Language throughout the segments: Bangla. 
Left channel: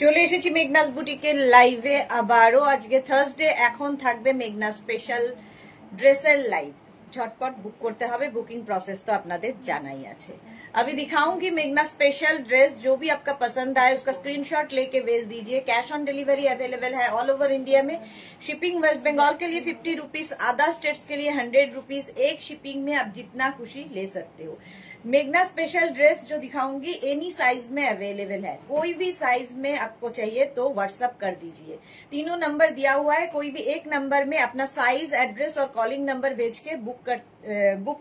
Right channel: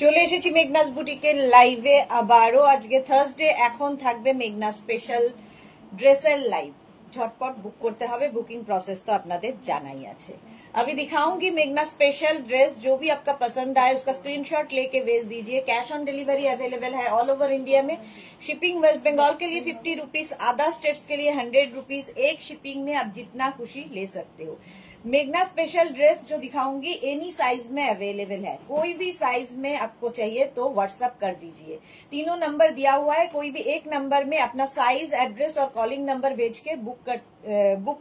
চলে এসেছি মেঘনাস বুটিকের লাইভে আবারও। আজকে থার্সডে, এখন থাকবে মেঘনা স্পেশাল ड्रेसर लाइव। झटपट बुक करते हैं, बुकिंग प्रोसेस तो अपनाদের জানাই আছে। अभी दिखाऊंगी मेघना स्पेशल ड्रेस, जो भी आपका पसंद आए उसका स्क्रीनशॉट लेके भेज दीजिए। कैश ऑन डिलीवरी अवेलेबल है ऑल ओवर इंडिया में। शिपिंग वेस्ट बंगाल के लिए 50 रुपीज, अदर स्टेट्स के लिए 100 रुपीज। एक शिपिंग में आप जितना खुशी ले सकते हो। मेघना स्पेशल ड्रेस जो दिखाऊंगी एनी साइज में अवेलेबल है। कोई भी साइज में आपको चाहिए तो व्हाट्सएप कर दीजिए। तीनों नंबर दिया हुआ है, कोई भी एक नंबर में अपना साइज, एड्रेस और कॉलिंग नंबर भेज के बुक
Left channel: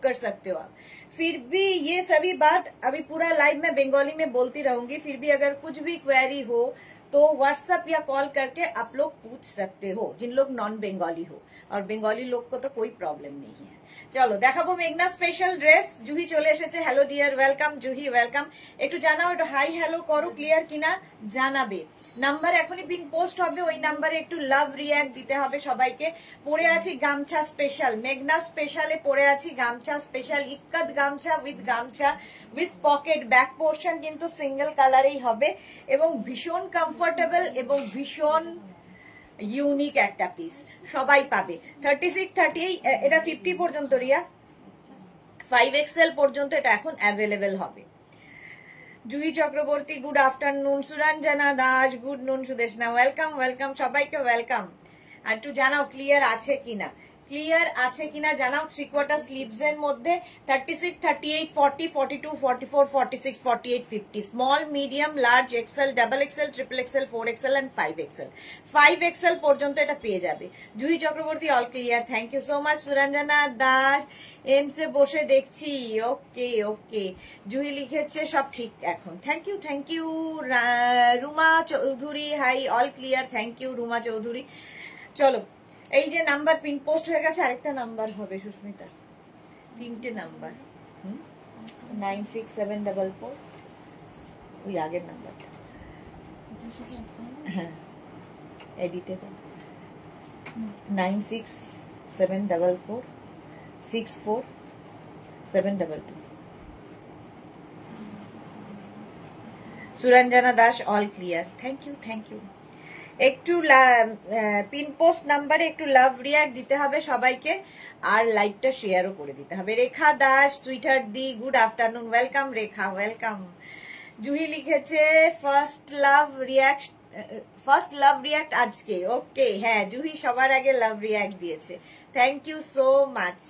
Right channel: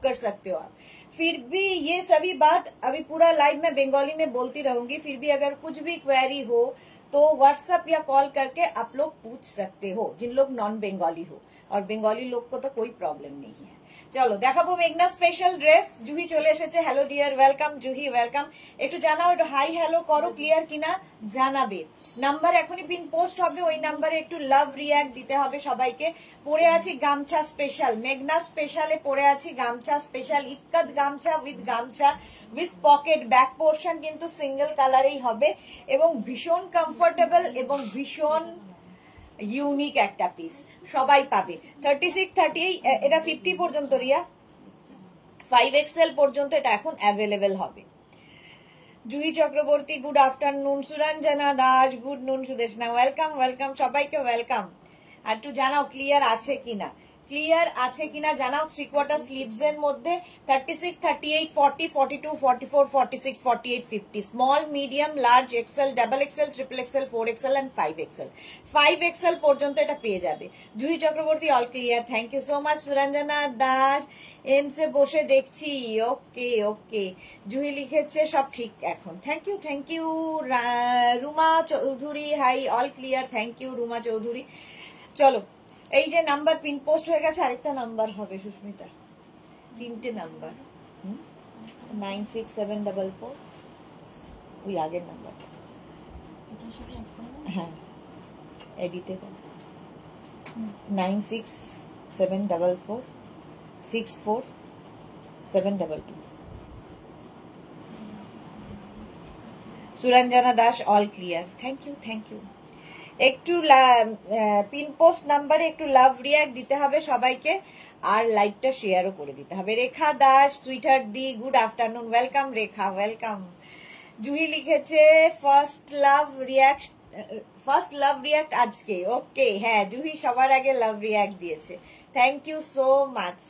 कर सकते हो आप। फिर भी ये सभी बात अभी पूरा लाइव में बंगाली में बोलती रहूंगी। फिर भी अगर कुछ भी क्वेरी हो तो व्हाट्सएप या कॉल करके आप लोग पूछ सकते हो, जिन लोग नॉन बंगाली हो। और बंगाली लोग को तो कोई प्रॉब्लम नहीं है। চলো দেখাবো মেঘনা স্পেশাল ড্রেস। জুহি চলে এসেছে। Hello dear, welcome Juhi, welcome. একটু জানাও, একটু হাই হ্যালো করো, ক্লিয়ার কিনা জানাবে। নাম্বার এখনই পিন পোস্ট হবে, ওই নাম্বারে একটু লাভ রিয়াক্ট দিতে হবে সবাইকে। পরে আছি গামছা স্পেশাল, মেঘনা স্পেশালে পরে আছি গামছা স্পেশাল, ইক্কাত গামছা উইথ পকেট। ব্যাক পোর্শন কিন্তু সিঙ্গেল কালারেই হবে এবং ভীষণ কমফোর্টেবল এবং ভীষণ ইউনিক একটা পিস, সবাই পাবে। 36, 38, এটা 50 পর্যন্ত রিয়া, 5XL পর্যন্ত এটা এখন অ্যাভেলেবেল হবে। Juhi Chakraborty good afternoon, Suranjana Das good নুন, সুদেশনা ওয়েলকাম, ওয়েলকাম সবাইকে ওয়েলকাম। আর একটু জানাও ক্লিয়ার আছে কিনা, ক্লিয়ার আছে কিনা জানাও। 3/4 স্লিভস এর মধ্যে 36, 38, 40, 42, 44, 46, 48, 50, small, medium, large, XL, double XL, triple XL, 4XL and 5XL। 5XL পর্যন্ত এটা পেয়ে যাবে। Juhi Chakraborty all clear, thank you so much. Suranjana Das এমসে বসে দেখছি, ওকে ওকে। জুহি লিখেছে সব ঠিক এখন, thank you thank you. Ruma Chowdhury hi, all clear, thank you Ruma Chowdhury. চলো, এই যে নাম্বার পিন পোস্ট হয়ে গেছে, আরেকটা নাম্বার হবে সুস্মিতা, 3টে নাম্বার, 96744, ওই আগের নাম্বারটা, হ্যাঁ এডিটে 9674464722। Suranjana Das all clear, thank you thank you. একটু পিন পোস্ট নাম্বারে একটু লাভ রিয়াক্ট দিতে হবে সবাইকে, আর লাইভটা শেয়ারও করে দিতে হবে। রেখা দাস সুইটহার্ট দি গুড আফটারনুন, ওয়েলকাম রেখা, ওয়েলকাম। জুহি লিখেছে ফার্স্ট লাভ রিয়াক্ট আজকে, ওকে। হ্যাঁ জুহি সবার আগে লাভ রিয়াক্ট দিয়েছে, থ্যাংক ইউ সো মাচ।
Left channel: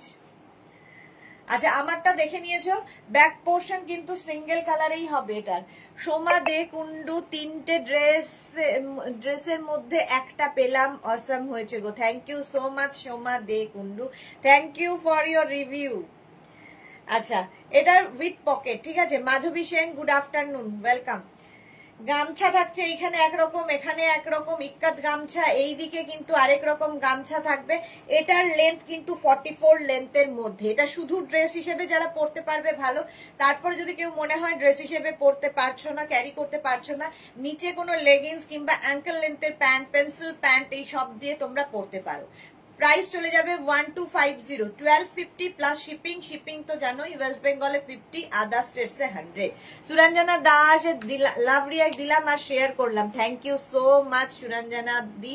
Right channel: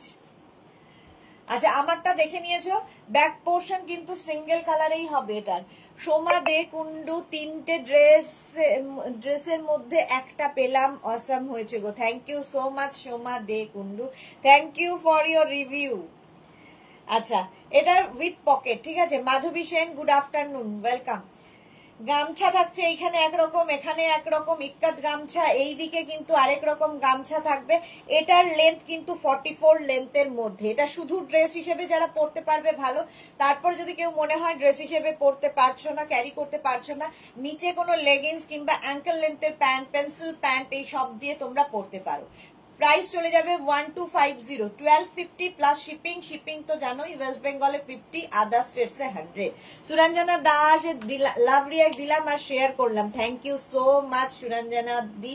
আচ্ছা আমারটা দেখে নিয়েছো, ব্যাক পোর্শন কিন্তু সিঙ্গেল কালারেই হবে এটার। সোমা দে কুন্ডু 3টে ড্রেসের মধ্যে একটা পেলাম, অসম হয়েছে গো, thank you so much Soma De Kundu, thank you for your review. আচ্ছা এটার উইথ পকেট, ঠিক আছে। Madhavi Sen good afternoon, welcome. গামছা থাকছে এইখানে একরকম, এখানে একরকম, ইক্কাত গামছা, এইদিকে কিন্তু আরেক রকম গামছা থাকবে। এটার লেন্থ কিন্তু 44 লেন্থের মধ্যে। এটা শুধু ড্রেস হিসেবে যারা পরতে পারবে ভালো, তারপরে যদি কেউ মনে হয় ড্রেস হিসেবে পরতে পারছো না, ক্যারি করতে পারছো না, নিচে কোনো লেগিংস কিংবা অ্যাঙ্কেল লেন্থের প্যান্ট, পেন্সিল প্যান্ট এই সব দিয়ে তোমরা পরতে পারো। প্রাইস চলে যাবে 1250, 1250 প্লাস শিপিং। শিপিং তো জানোই, ওয়েস্ট বেঙ্গলে 50, আদার স্টেটস এ 100। সুরঞ্জনা দাস লাভ রিয়াক্ট দিলাম আর শেয়ার করলাম, thank you so much Suranjana দি।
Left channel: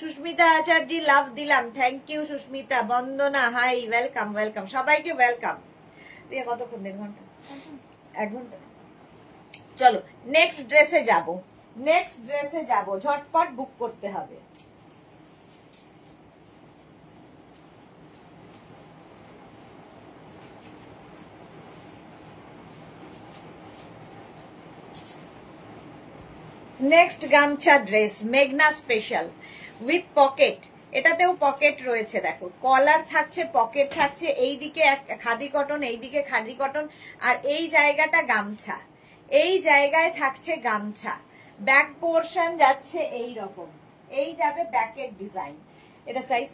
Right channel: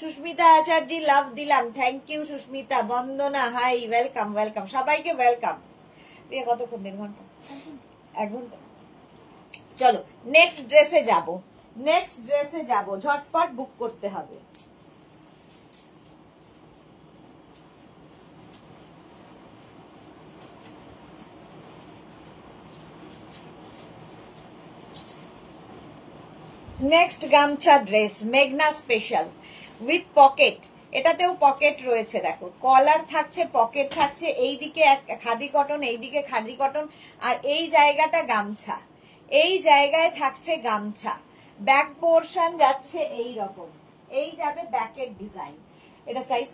সুস্মিতা আচার্য লাভ দিলাম, thank you Susmita. Bandana hi, welcome welcome সবাইকে, ওয়েলকাম। কতক্ষণ, 1.5 ঘন্টা, 1 ঘন্টা। চলো নেক্সট ড্রেসে যাব, ঝটপট বুক করতে হবে। নেক্সট গামছা ড্রেস মেঘনা স্পেশাল উইথ পকেট। এটাতেও পকেট রয়েছে, দেখো কলার থাকছে, পকেট থাকছে, এইদিকে খাদি কটন, এইদিকে খাদি কটন, আর এই জায়গাটা গামছা, এই জায়গায় থাকছে গামছা। ব্যাক পোর্শন যাচ্ছে এই রকম, এই যাবে ব্যাকের ডিজাইন। এটা সাইজ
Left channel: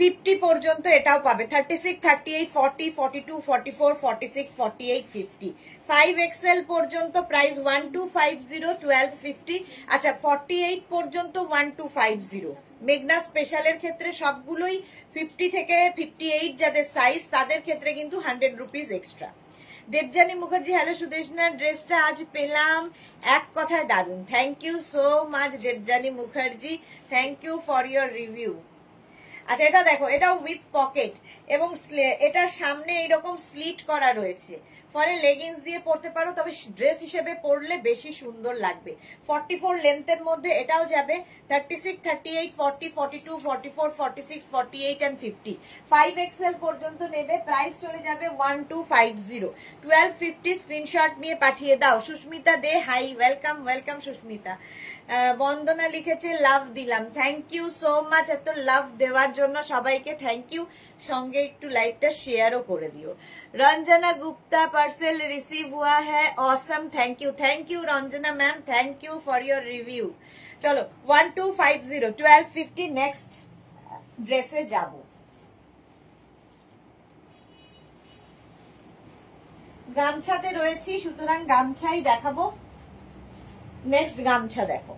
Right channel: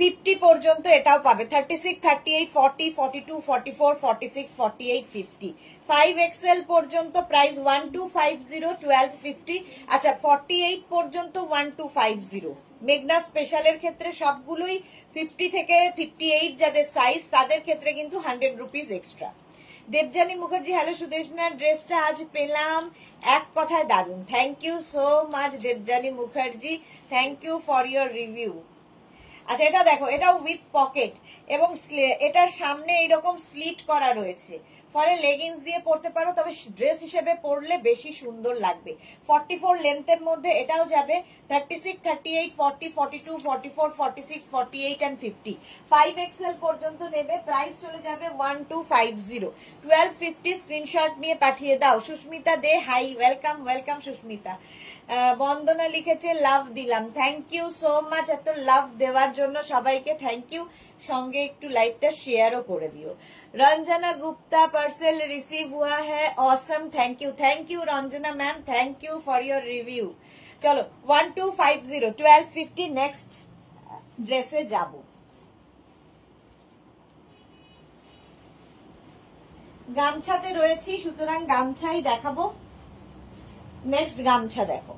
50 পর্যন্ত এটাও পাবে। 36, 38, 40, 42, 44, 46, 48, 50, 5XL পর্যন্ত প্রাইস 1250, 1250। আচ্ছা 48 পর্যন্ত 1250। মেঘনা স্পেশালের ক্ষেত্রে সবগুলোই 50 থেকে 58 যাদের সাইজ, তাদের ক্ষেত্রে কিন্তু 100 rupees extra. Debjani Mukherjee, hello Sudeshna, ড্রেসটা আজ পেলাম, এক কথায় দারুন। Thank you so much Debjani Mukherjee, thank you for your review. আচ্ছা এটা দেখো, এটাও উইথ পকেট এবং এটার সামনে এইরকম স্লিট করা রয়েছে, ফলে লেগিংস দিয়ে পরতে পারো, তবে ড্রেস হিসেবে পরলে বেশি সুন্দর লাগবে। 44 লেন্থের মধ্যে এটাও যাবে, 36, 38, 40, 42, 44, 46, 48 and 50, 5XL পর্যন্ত নেবে। প্রাইস চলে যাবে 1250, 1250। স্ক্রিনশট নিয়ে পাঠিয়ে দাও। সুস্মিতা দে, হাই, ওয়েলকাম ওয়েলকাম সুস্মিতা। বন্দনা লিখেছে লাভ দিলাম, থ্যাংক ইউ সো মাচ। এত লাভ দেওয়ার জন্য সবাইকে থ্যাংক ইউ। সঙ্গে একটু লাইভটা শেয়ারও করে দিও। रंजना गुप्ता, पार्सल रिसीव हुआ है, awesome, thank you Ranjana ma'am, thank you for your review. चलो 1250, 1250 नेक्स्ट ड्रेसे जाबो। গামছাতে রয়েছি, সুতরাং গামছাই দেখাবো। নেক্সট গামছা দেখো,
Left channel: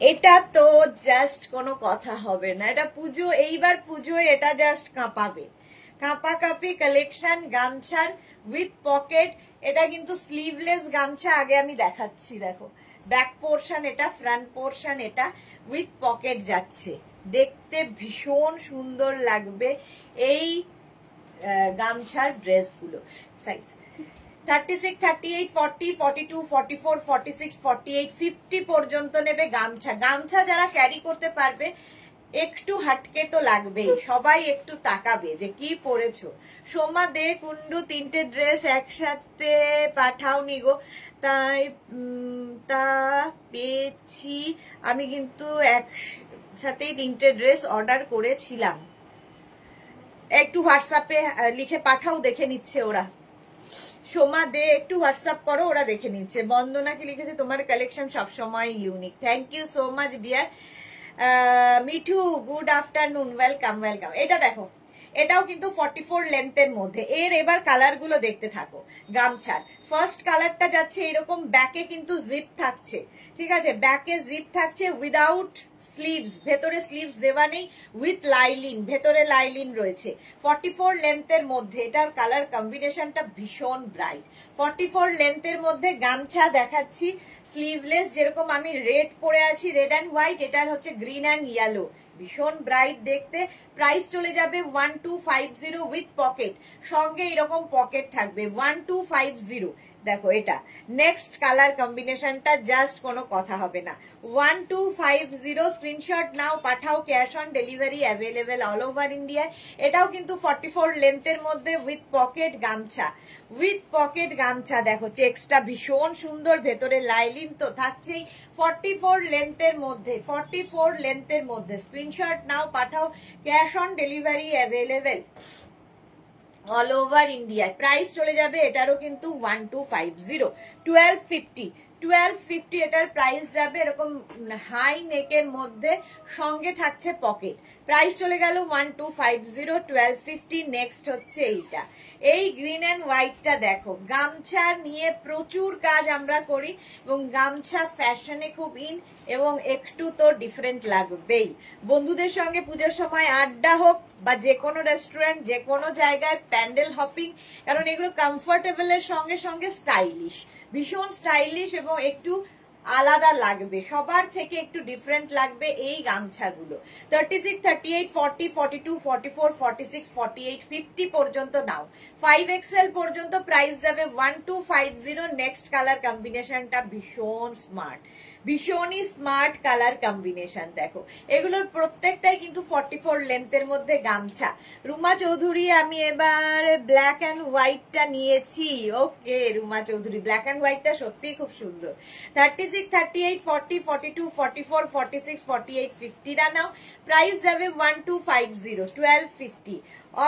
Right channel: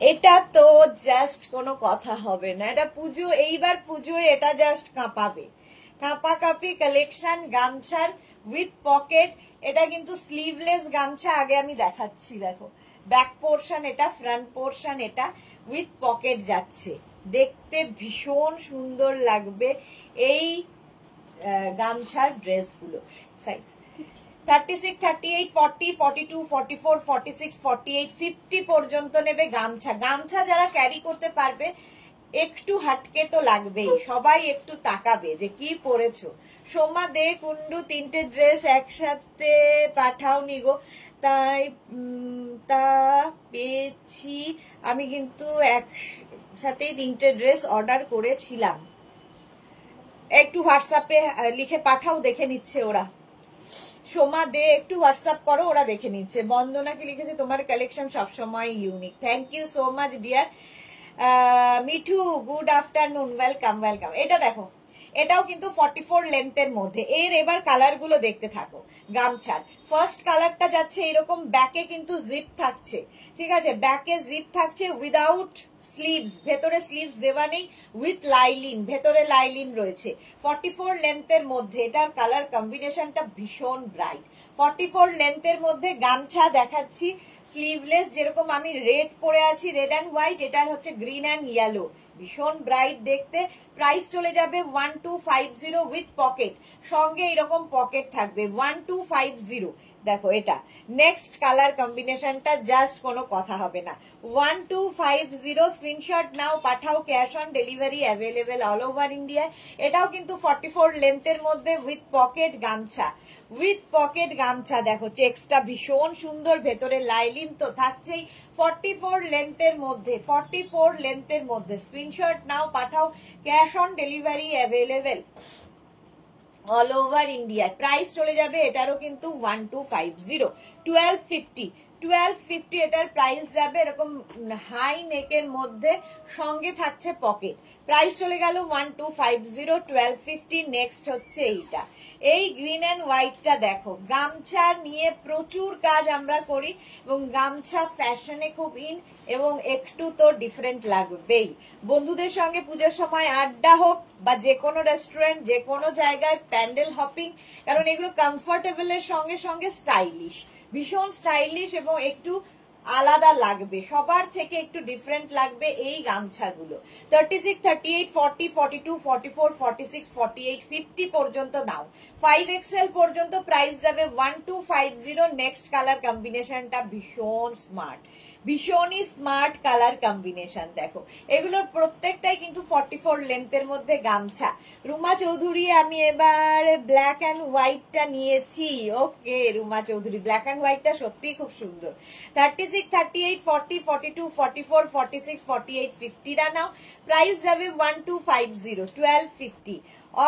এটা তো জাস্ট কোনো কথা হবে না, এটা পুজো, এইবার পুজোয় এটা জাস্ট কাঁপাবে, কাঁপাকাঁপি কালেকশন গামছার উইথ পকেট। এটা কিন্তু স্লিভলেস গামছা, আগে আমি দেখাচ্ছি, দেখো ব্যাক পোর্শন এটা, ফ্রন্ট পোর্শন এটা, উইথ পকেট যাচ্ছে, দেখতে ভীষণ সুন্দর লাগবে এই গামছার ড্রেসগুলো। সাইজ 36, 38, 40, 42, 44, 46, 48, 50 পর্যন্ত নেবে গামছা। গামছা যারা ক্যারি করতে পারবে একটু হাটকে তো লাগবেই, সবাই একটু তাকাবে যে কি পরেছো। সোমা দে কুন্ডু, 3টে ড্রেস একসাথে পাঠাও নিগো, তাই তা পেয়েছি আমি, কিন্তু একসাথেই 3টে ড্রেস অর্ডার করেছিলাম। একটু হোয়াটসঅ্যাপে লিখে পাঠাও, দেখে নিচ্ছে ওরা। সোমা দে একটু হোয়াটসঅ্যাপ করো, ওরা দেখে নিচ্ছে। বন্দনা কি লিখেছে, তোমার কালেকশন সবসময় unique, thank you so much dear. Mithu good afternoon, welcome welcome. এটা দেখো, এটাও কিন্তু 44 লেন্থের মধ্যে। এর এবার কালার গুলো দেখতে থাকো। গামছার ফার্স্ট কালারটা যাচ্ছে এরকম, ব্যাকে কিন্তু জিপ থাকছে, ঠিক আছে, ব্যাকে জিপ থাকছে উইদাউট স্লিভস, ভেতরে স্লিভস দেওয়া নেই, উইথ লাইলিন, ভেতরে লাইলিন রয়েছে। 44 লেন্থের মধ্যে এটার কালার কম্বিনেশনটা ভীষণ ব্রাইট। 44 লেন্থের মধ্যে গামছা দেখাচ্ছি, স্লিভলেস, যেরকম আমি রেড পরে আছি, রেড অ্যান্ড হোয়াইট, এটার হচ্ছে গ্রিন অ্যান্ড ইয়েলো, ভীষণ ব্রাইট দেখতে। প্রাইস চলে যাবে 1250 উইথ পকেট, সঙ্গে এরকম পকেট থাকবে 1250। দেখো এটা নেক্সট কালার কম্বিনেশনটা জাস্ট কোনো কথা হবে না। 1250 স্ক্রিনশট নাও, পাঠাও, cash on delivery available all over India. এটাও কিন্তু 44 লেন্থের মধ্যে উইথ পকেট গামছা, উইথ পকেট গামছা। দেখো চেক্সটা ভীষণ সুন্দর, ভেতরে লাইলিন তো থাকছেই। 44 লেন্থের মধ্যে, 44 লেন্থের মধ্যে স্ক্রিনশট নাও, পাঠাও, cash on delivery available all over India. Price চলে যাবে এটারও কিন্তু 1250, 1250 এটার প্রাইস যাবে, এরকম হাই নেকের মধ্যে, সঙ্গে থাকছে পকেট। প্রাইস চলে গেল 1250, 1250। নেক্সট হচ্ছে এইটা, এই গ্রিন অ্যান্ড হোয়াইটটা দেখো। গামছা নিয়ে প্রচুর কাজ আমরা করি এবং গামছা ফ্যাশনে খুব ইন, এবং একটু তো ডিফারেন্ট লাগবেই। বন্ধুদের সঙ্গে পুজোর সময় আড্ডা হোক বা যে কোনো রেস্টুরেন্ট, যে কোনো জায়গায় প্যান্ডেল হপিং, কারণ এগুলো কমফোর্টেবলের সঙ্গে সঙ্গে স্টাইলিশ, ভীষণ স্টাইলিশ এবং একটু আলাদা লাগবে, সবার থেকে একটু ডিফারেন্ট লাগবে এই গামছাগুলো। 36, 38, 40, 42, 44, 46, 48, 50 পর্যন্ত নাও, 5XL পর্যন্ত প্রাইস যাবে 1250। নেক্সট কালার কম্বিনেশনটা ভীষণ স্মার্ট, ভীষণই স্মার্ট কালার কম্বিনেশন। দেখো এগুলোর প্রত্যেকটাই কিন্তু 44 লেন্থের মধ্যে গামছা। রুমা চৌধুরী, আমি এবার ব্ল্যাক অ্যান্ড হোয়াইটটা নিয়েছি। ওকে রুমা চৌধুরী, ব্ল্যাক অ্যান্ড হোয়াইটটা সত্যি খুব সুন্দর। 36, 38, 40, 42, 44, 46, 48, 50 টা নাও, প্রাইস যাবে 1250, 1250।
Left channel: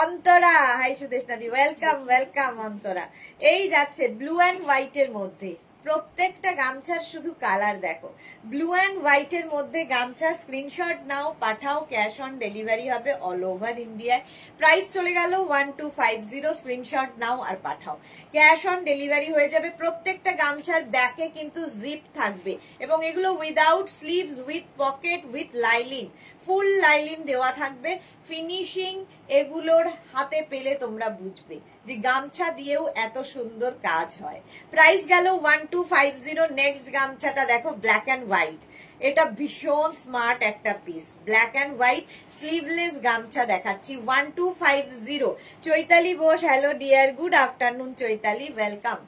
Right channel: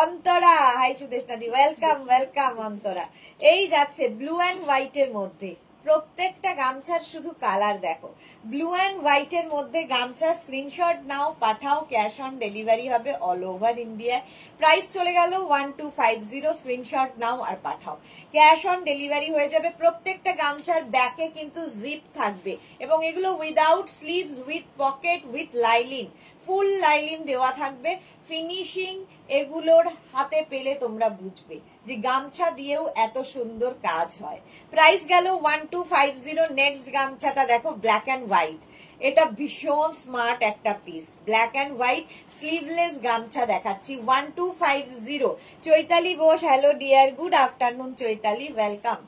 অন্তরা, হাই সুদেশনাদি, ওয়েলকাম ওয়েলকাম অন্তরা। এই যাচ্ছে ব্লু অ্যান্ড হোয়াইটের মধ্যে, প্রত্যেকটা গামছার শুধু কালার দেখো, ব্লু অ্যান্ড হোয়াইটের মধ্যে গামছা। স্ক্রিনশট নাও, পাঠাও, ক্যাশ অন ডেলিভারি হবে অল ওভার ইন্ডিয়ায়। প্রাইস চলে গেল 1250, স্ক্রিনশট নাও আর পাঠাও, ক্যাশ অন ডেলিভারি হয়ে যাবে। প্রত্যেকটা গামছার ব্যাকে কিন্তু জিপ থাকবে এবং এগুলো without sleeves, with pocket, with lining. Full lining দেওয়া থাকবে। ফিনিশিং এগুলোর হাতে পেলে তোমরা বুঝবে যে গামছা দিয়েও এত সুন্দর কাজ হয়। প্রাইস গেল 1250। নেক্সট গামছাটা দেখো, ব্ল্যাক অ্যান্ড হোয়াইট। এটা ভীষণ স্মার্ট একটা piece, black and white sleeveless গামছা দেখাচ্ছি 1250। Chaitali Bose, hello dear, good afternoon Chaitali, welcome.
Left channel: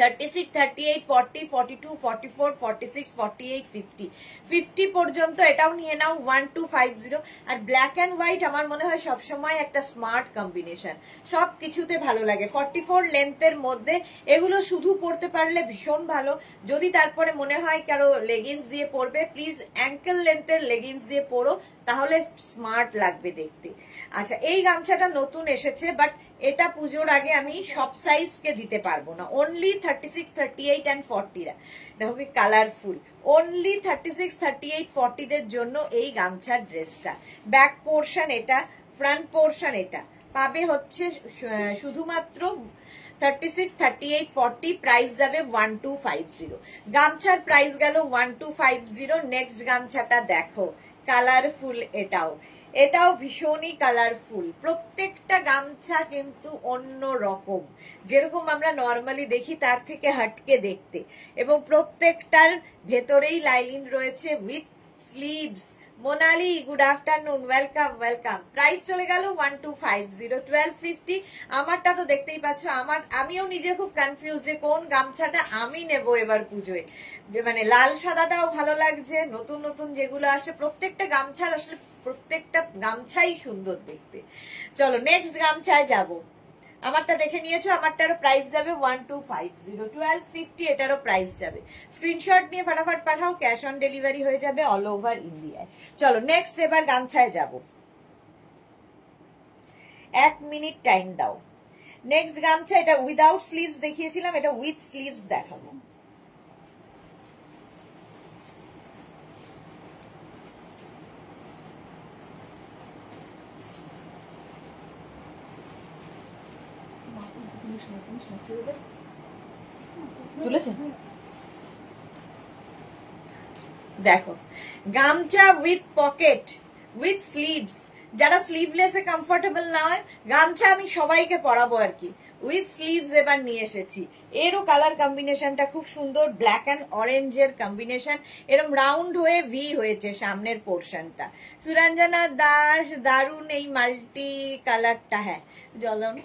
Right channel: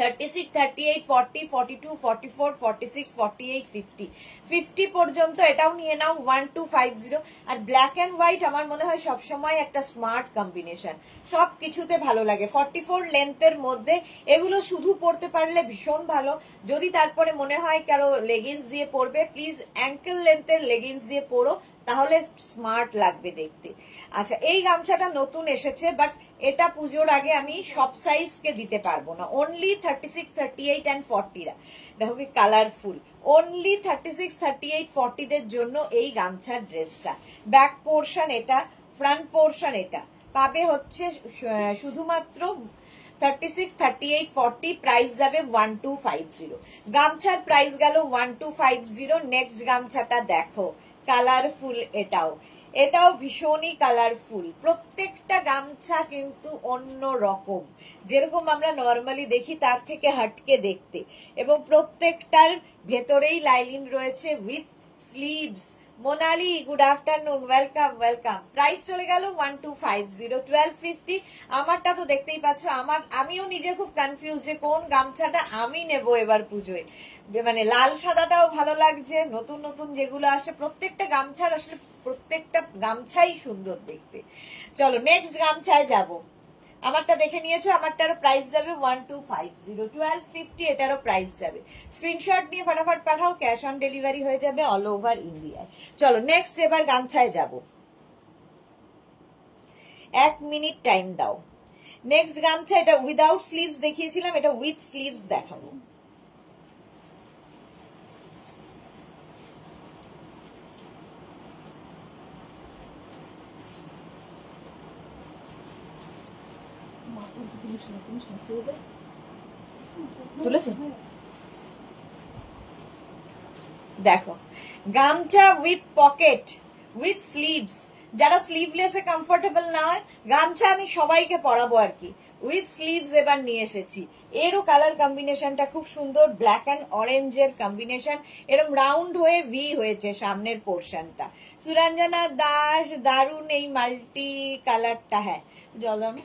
36, 38, 40, 42, 44, 46, 48, 50 50 পর্যন্ত এটাও নিয়ে নাও 1250। আর ব্ল্যাক এন্ড হোয়াইট আমার মনে হয় সবসময় একটা স্মার্ট কম্বিনেশন, সব কিছুতে ভালো লাগে। 44 লেন্থের মধ্যে এগুলো শুধু পরতে পারলে ভীষণ ভালো। যদি তারপরে মনে হয় কারো লেগিংস দিয়ে পরবে, প্লিজ অ্যাঙ্কেল লেন্থের লেগিংস দিয়ে পরো, তাহলে স্মার্ট লাগবে দেখতে। আচ্ছা, এই গামছাটা নতুন এসেছে, বাট এটা পুজোর আগে আমি সব সাইজ কে দিতে পারবো না, অনলি 36, 38 এন্ড 40 দেখো কি কালারফুল। অনলি 36, 38, 40 দের জন্য এই গামছার ড্রেসটা। ব্যাক পোর্শন এটা, ফ্রন্ট পোর্শন এটা পাবে হচ্ছে শুধুমাত্র 36, 38, 40। প্রাইস যাবে 1250। গামছার প্রাইস গেল 1250। নেক্সট গামছাটা দেখো, কালারফুল, এটাও ভীষণই কালারফুল। প্রত্যেকটা গামছা কিন্তু অন্য রকম, যেরকম আমরা নর্মালি দেখি তার থেকে হাটকে দেখতে, এবং প্রত্যেকটার ভেতরেই লাইনিং রয়েছে with sleeves. Monali, good afternoon, welcome welcome. Price চলে গেল 1250, 1250। আমারটা তো দেখতেই পাচ্ছ, আমিও নিজে খুব কনফিউজ যে কোন গামছাটা আমি নেব এবার পুজোয়। মানে লাল সাদাটাও ভালো লাগছে, নতুন নতুন যেগুলো আসে প্রত্যেকটা গামছার, আসলে প্রত্যেকটা গামছাই সুন্দর দেখতে। চলো নেক্সট গামছায় যাব। আমারটা দেখে নিয়েছো, আমারটারও প্রাইস যাবে 1250, 1250 এটারও প্রাইস যাবে। স্ক্রিনশট নিয়ে ফটাফট পাঠাও, ক্যাশ অন ডেলিভারি হয়ে যাবে অল ওভার ইন্ডিয়ায়। চলো নেক্সট এবার গামছায় যাব, 1 মিনিট টাইম দাও। নেক্সট গামছা, এটা উইদাউট স্লিভস দেখিয়েছিলাম, এটা উইথ স্লিভস দেখাবো। দেখো, গামছা উইথ পকেট, উইথ স্লিভস। যারা স্লিভলেসে কমফোর্টেবল না হয়, গামছা আমি সবাইকে পরাবো আর কি, উইথ স্লিভস এবার নিয়ে এসেছি। এরও কালার কম্বিনেশনটা খুব সুন্দর, ব্ল্যাক অ্যান্ড অরেঞ্জের কম্বিনেশন, এরকম রাউন্ড হয়ে ভি হয়েছে সামনের পোর্শনটা। সুরঞ্জনা দাস, দারুন এই মাল্টি কালারটা। হ্যাঁ জল দাও না।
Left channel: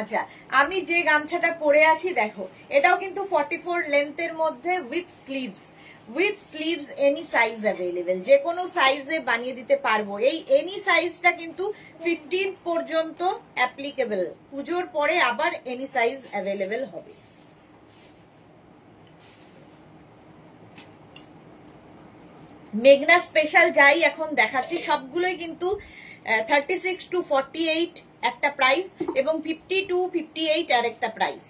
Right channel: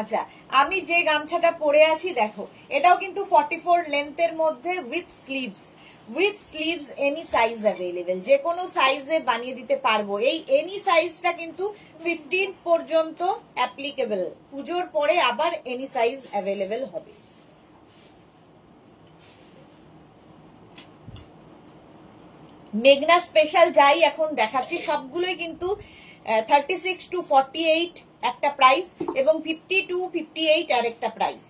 আচ্ছা, আমি যে গামছাটা পরে আছি দেখো, এটাও কিন্তু 44 লেন্থের মধ্যে with sleeves, any size available, যে কোনো সাইজে বানিয়ে দিতে পারবো। এই এনি সাইজটা কিন্তু 15 পর্যন্ত অ্যাপ্লিকেবল, পুজোর পরে আবার এনি সাইজ অ্যাভেলেবেল হবে। মেঘনা স্পেশাল যাই এখন দেখাচ্ছি সবগুলোই কিন্তু 36 to 48 একটা প্রাইস, এবং 50 to 58 আর একটা প্রাইস।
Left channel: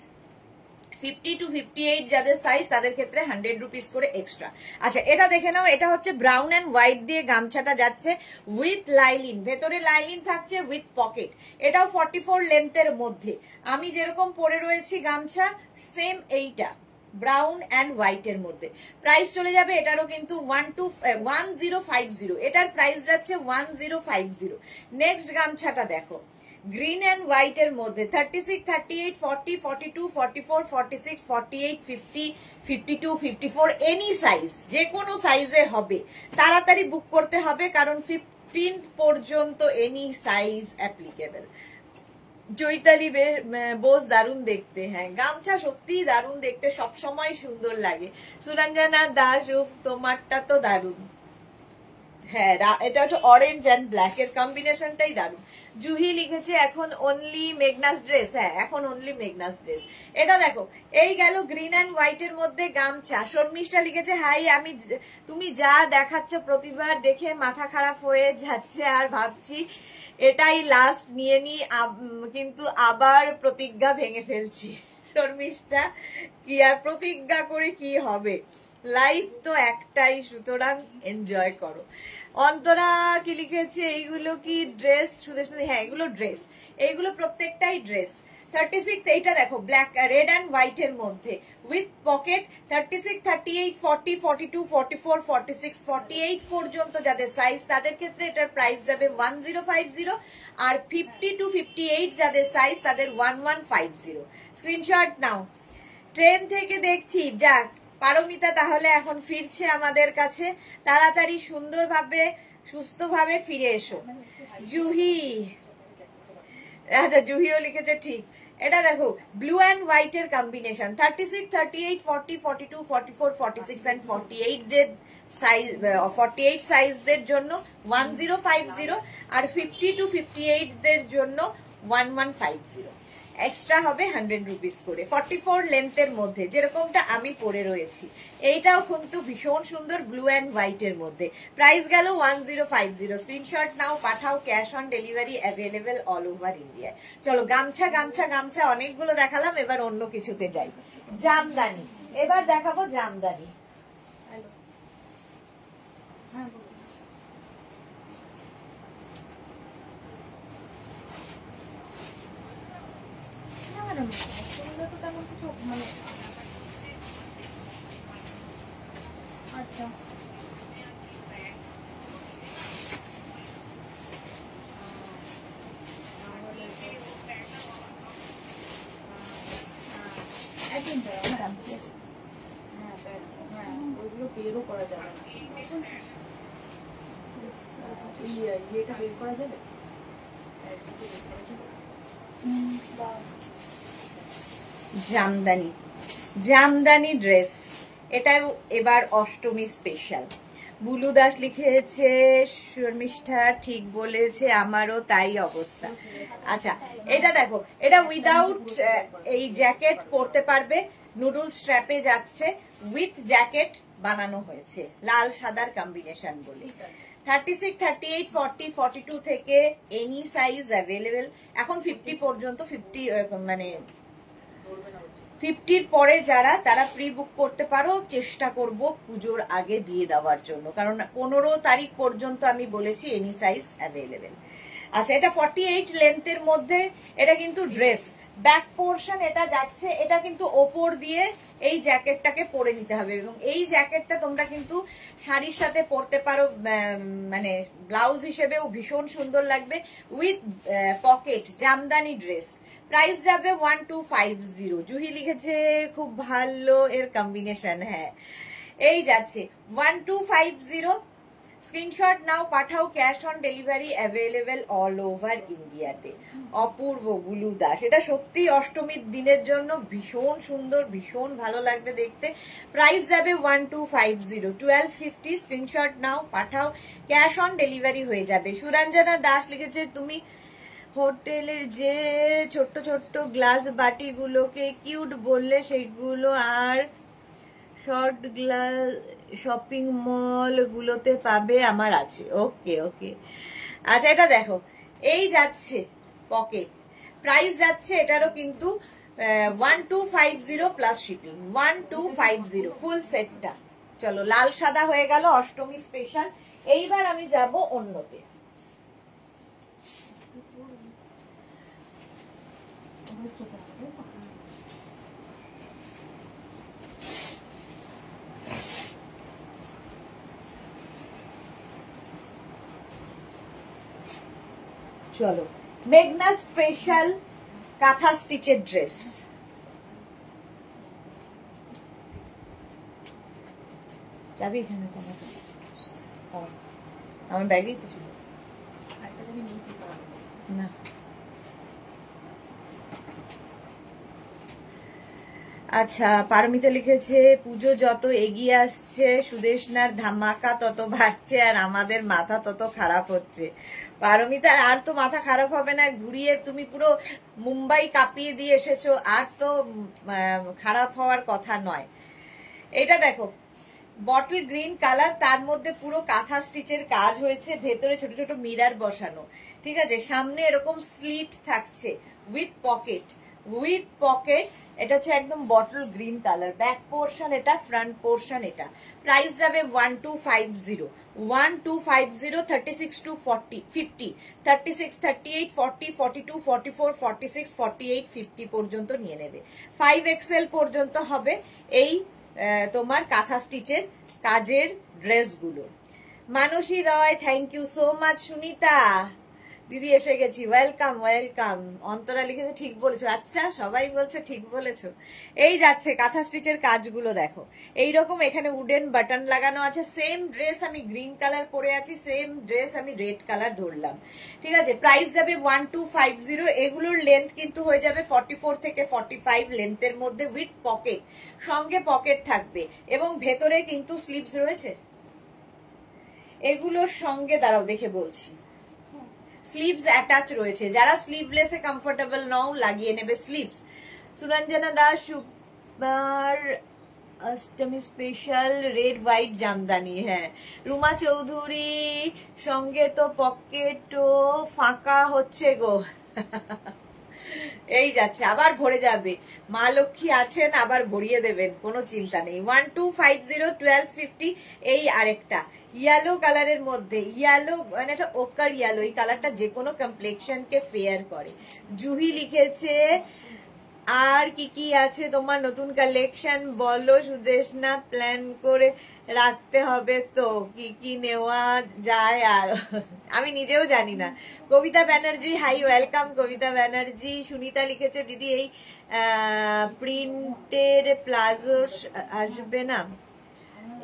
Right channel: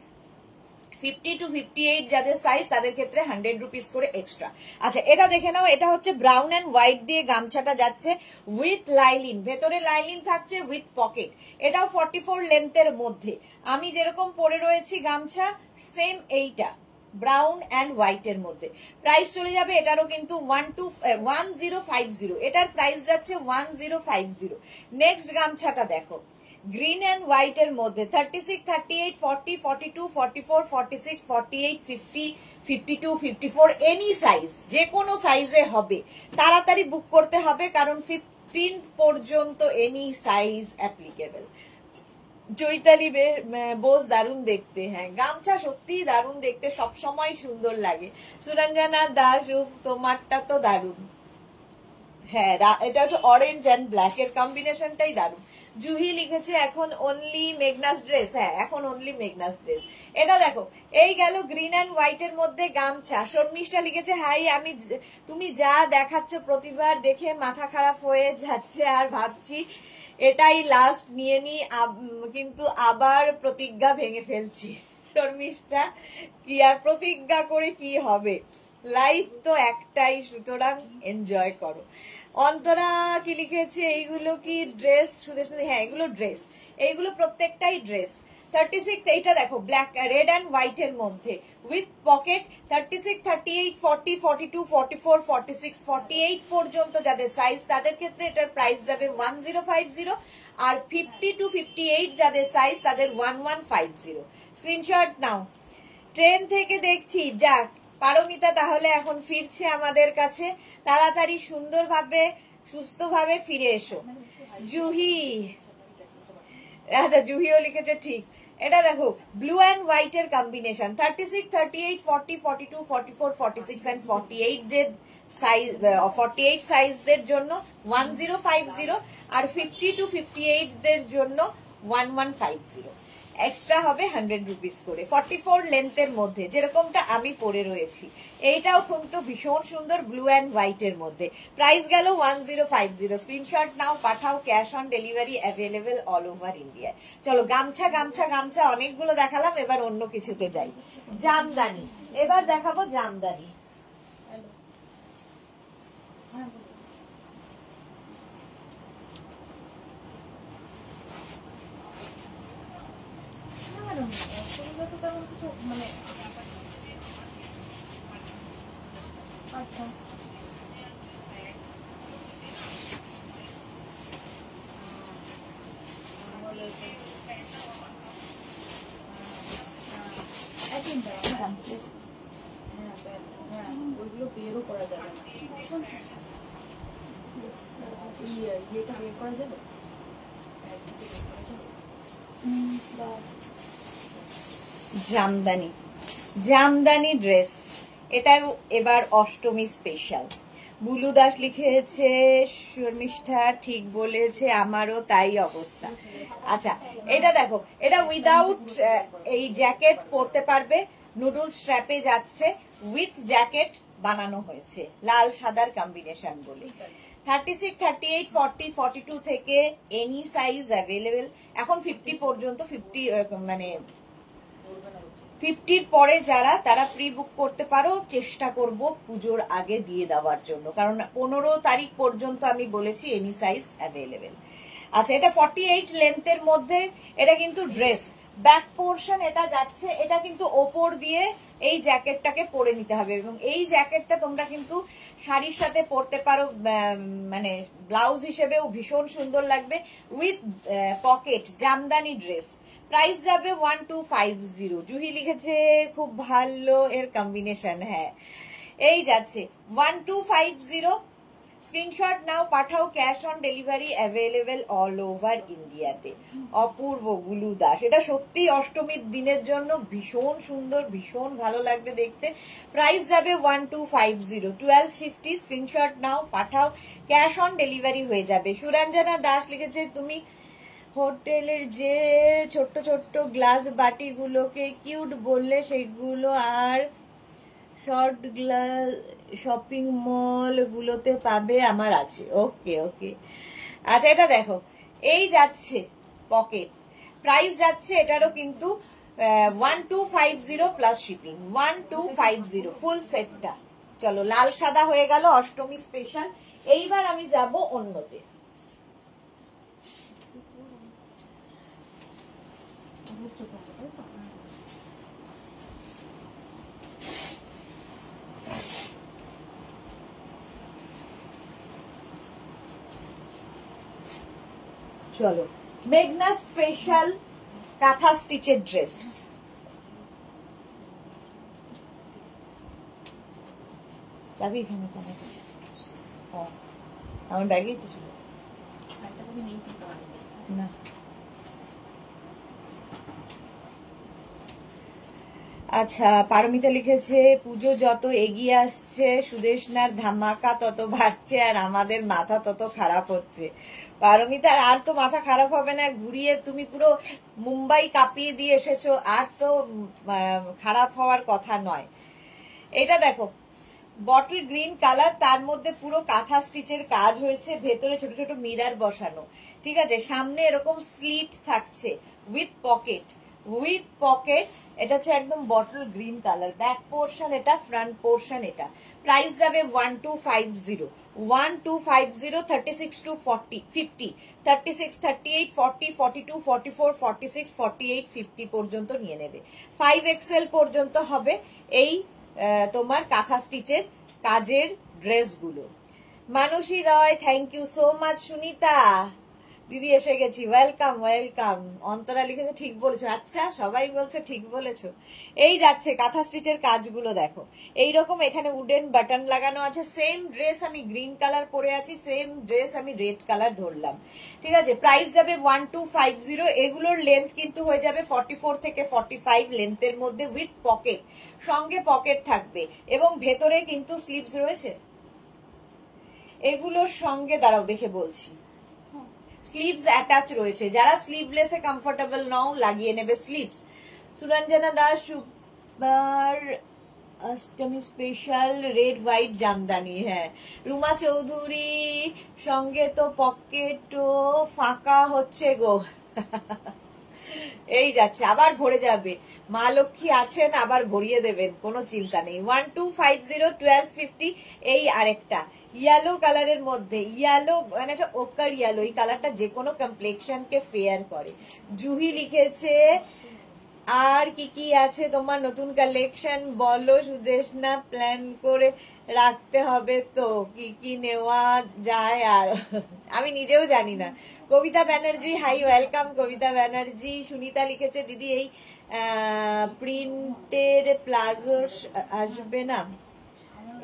50 to 58 যাদের সাইজ তাদের ক্ষেত্রে 100 রুপিস করে এক্সট্রা। আচ্ছা, এটা দেখে নাও, এটা হচ্ছে ব্রাউন এন্ড হোয়াইট দিয়ে গামছাটা যাচ্ছে উইথ লাইলিন, ভেতরে লাইলিন থাকছে উইথ পকেট। এটাও 44 লেন্থের মধ্যে। আমি যেরকম পরে রয়েছি গামছা, সেম এইটা ব্রাউন অ্যান্ড হোয়াইট এর মধ্যে। প্রাইস চলে যাবে এটারও কিন্তু 1050, এটার প্রাইস যাচ্ছে 1050। নেক্সট গামছাটা দেখো, গ্রিন অ্যান্ড হোয়াইট এর মধ্যে 36, 38, 40, 42, 44, 46, 48, 50, 52, 54 এনি সাইজ, যে কোনো সাইজে হবে। তাড়াতাড়ি বুক করতে হবে, কারণ 15 পর্যন্ত any size applicable. Chaitali Bose, দারুণ দেখতে। হ্যাঁ, গামছা সত্যি দারুণ দেখতে, সবসময় সুন্দর লাগে। সুরঞ্জনা দাস, তোমারটা তো দারুণ। হ্যাঁ, এটা হচ্ছে অরেঞ্জ অ্যান্ড ব্ল্যাক এর কম্বিনেশনটাই দারুণ। জুহি লিখেছে এখন অনলি মেঘনাস ড্রেস। হ্যাঁ, এখন অনলি মেঘনাস ড্রেস। এটা দেখো, এই গেল গ্রিন অ্যান্ড হোয়াইট এর মধ্যে গামছা। শর্মিষ্ঠা লিখেছে হাই, তুমি যা দেখাচ্ছ প্রতিবার দেখে মাথা খারাপ হয়ে যাচ্ছে, আর ভাবছি এটাই লাস্ট নিয়ে নি, কিন্তু আবার প্রতিজ্ঞা ভেঙে ফেলছি। শর্মিষ্ঠা, কি আর প্রতিজ্ঞা করে কি হবে, লাইফ তো একটাই, সুতরাং এনজয় করো। অন্তরা কি লিখেছে, এইগুলো কি ড্রেস? সুদেশ, হ্যাঁ এগুলো ড্রেস, এইগুলো প্রত্যেকটাই ড্রেস। 36 এইটা দেখো ব্ল্যাক রেড অ্যান্ড হোয়াইট এর মধ্যে উইথ পকেট 36, 38, 40, 42, 44, 46, 48 পর্যন্ত যাদের সাইজ তাদের ক্ষেত্রে এটার প্রাইস যাবে 1050 আর 50 to 58 যাদের সাইজ তাদের 1150। স্ক্রিনশট নাও। ট্রেন থেকে দেখছি যাক পারমিতা তাহলে এখন ফিরছে আমাদের কাছে, তাড়াতাড়ি সুন্দরভাবে সুস্থভাবে ফিরে এসো। জুহি, আচ্ছা জুহিও লিখেছে ঠিক। এটা দেখো ব্লু অ্যান্ড হোয়াইট এর কম্বিনেশন 36, 38, 40, 42, 44, 46 এন্ড 48 দের সাইজ 48 সাইজদের জন্য 1050 আর 50 to 58 দের জন্য 1150। এক্সট্রা হবে 100 রুপিস করে। 44 লেন্থের মধ্যে যেরকমটা আমি পরে রয়েছি, এইটাও কিন্তু ভীষণ সুন্দর ব্লু অ্যান্ড হোয়াইট এর মধ্যে। প্রাইস গেল 1050। স্ক্রিনশট নাও, পাঠাও, cash on delivery available all over India. চলো গামছা গামছা গামছা অনেকগুলো দেখালাম, এবার অন্য কিছুতে যাই। জামদানি, এবার দেখাবো জামদানি। মানে আচ্ছা ওইগুলো বেরও করা যাবে না, ইয়েটা বের করা যাবে, জামদানি, জামদানি ড্রেস, এটা এবার অষ্টমী স্পেশাল। বুলু দাস লিখেছে শর্মিষ্ঠা ঠিক বলেছে, আমারও তাই অবস্থা। আচ্ছা এটা দেখো, এটা উইদাউট এই জ্যাকেট পরতে পারবে, নুডল স্ট্র্যাপে যাচ্ছে, উইথ জ্যাকেট বানানো হয়েছে, লাল সাদার কম্বিনেশন বলে। 36, 38, 40, 42 থেকে এনি সাইজ অ্যাভেলেবেল। এখন 50 পর্যন্ত, 50 মানে 50-র পরে যারা তারা প্রি বুক করতে পারো। চেষ্টা করব পুজোর আগে দিয়ে দেওয়ার জন্য, কারণ 15 তারিখ পর্যন্ত আমি বলেছি এনি সাইজ অ্যাভেলেবেল। আচ্ছা এটা 48 লেন্থের মধ্যে, এটা কিন্তু ড্রেস ব্যাক পোর্শন এটা যাচ্ছে, এটা কিন্তু ওপর দিয়ে এই জ্যাকেটটাকে পরে নিতে হবে এবং এই জ্যাকেটটা তোমরা কিন্তু শাড়ির সাথে পরতে পারো, মানে ব্লাউজ হিসেবেও ভীষণ সুন্দর লাগবে, with pocket. Jamdani dress, price যাবে 1250। জুহি লিখেছে খুব ভালো এর কম্বিনেশন, হ্যাঁ এই যাচ্ছে 1250। স্ক্রিনশট নাও, পাঠাও, cash on delivery available all over ইন্ডিয়াতে। অপূর্ব বুলু দাস, এটা সত্যি অষ্টমীর দিনের জন্য ভীষণ সুন্দর, ভীষণ ভালো লাগবে দেখতে। প্রাইস যাবে 1250, 1250। স্ক্রিনশট নাও, পাঠাও, ক্যাশ অন ডেলিভারি হয়ে যাবে। সুরঞ্জনা দাস লিখেছে তুমি হোটেলের যে ছোট্ট ছোট্ট গ্লাস বাটিগুলোকে কিউট বললে সেগুলো আর শর্ট গ্লাস শপিং মল গুলোতে পাবে, আমার আছে। ওকে ওকে, আচ্ছা এটা দেখো এই যাচ্ছে পকেট, প্রাইস যাচ্ছে এটারও কিন্তু 1250 প্লাস শিপিং, 1250 ফুল সেটটা। চলো লাল সাদা হয়ে গেল অষ্টমী স্পেশাল। এইবার আমি যাব অন্যতে। চলো মেঘনা স্পেশাল কাঁথা স্টিচের ড্রেস। যাবি এখানে আমার ব্যাগে কিছু না। আচ্ছা পারমিতা লিখেছে পুজো যত এগিয়ে আসছে সুদেশনার ধামাকা তত বাড়ছে আর আমাদের মাথা তত খারাপ হচ্ছে। পারমিতা আর তো মাথা খারাপ হবে না, ঘুরিয়ে তুমি পুরো মুম্বাই কাঁপিয়ে দিয়ে এসেছো, আর তো খারাপ হওয়ার কথা নয়। এটা দেখো বটল গ্রিন কালার, তার মধ্যে পুরো কাঁথা স্টিচের কাজ হয়েছে, ভেতরে ছোট ছোট মিরার বসানো, ঠিক আছে, সামনে এরকম স্লিট থাকছে উইথ পকেট এটা হচ্ছে একদম bottle green colour, back portion এটা, ফ্রন্ট পোর্শন এটা। প্রাইস যাবে 1250, 1250, 36 to 40, 50, 36, 38, 40, 42, 44, 46, 48, 50 পর্যন্ত নিয়ে নেবে। 5XL পর্যন্ত হবে এই তোমার কাঁথা স্টিচের কাজের ড্রেসগুলো। Manasi Roy, thank you so much. Sunita দিদি এসে গেছি, ওয়েলকাম ওয়েলকাম। অন্তরা লিখেছে ঠিক বলেছো, আচ্ছা সবাই বলছে ঠিক বলেছো। এই যাচ্ছে কাঁথা স্টিচের কাজগুলো দেখো, এইরকম এখানে উডেন বাটন লাগানো আছে। সেম ড্রেস আমি গ্রিন কালার পরে আছি, সেম ড্রেস আমি রেড কালার ধরলাম, ঠিক আছে। প্রাইস যাবে 1250। এগুলোর লেন্থ কিন্তু হয়ে যাবে 44 থেকে 45 লেন্থের মধ্যে, উইথ পকেট, সঙ্গে পকেট থাকবে এবং ভেতরে কিন্তু স্লিভস রয়েছে এগুলোর সঙ্গে। দাঁড়াও দেখে বলছি, স্লিভস অ্যাটাচ রয়েছে। যারা স্লিভলেসে কমফোর্টেবল নাও লাগিয়ে নেবে sleeves. Suranjana Das, super Ashtami special red white Jamdani, হ্যাঁ। রুমা চৌধুরী, সঙ্গে তো পকেটও ফাঁকা হচ্ছে গো। এই যাচ্ছে, আবার ভরে যাবে। মা লক্ষ্মী আছেন, আবার ভরিয়ে দেবেন, কোনো চিন্তা নেই। 1250, 1250। এই আরেকটা ইয়েলো কালারের মধ্যে, ইয়েলো মানে একটা ওকার ইয়েলো, এই কালারটা যে কোনো কমপ্লেক্সন কে ফেয়ার করে। জুহি লিখেছে আর কি কি আছে তোমার নতুন কালেকশন বলো সুদেশনা, প্ল্যান করে রাখতে হবে তো কি কি নেওয়া যায় আর আমি নিজেও জানি না। কবিতা ব্যানার্জি, হাই ওয়েলকাম কবিতা ব্যানার্জি। সুনিতা লিখেছে দিদি এই প্রিন্টের প্লাজো আসবে না,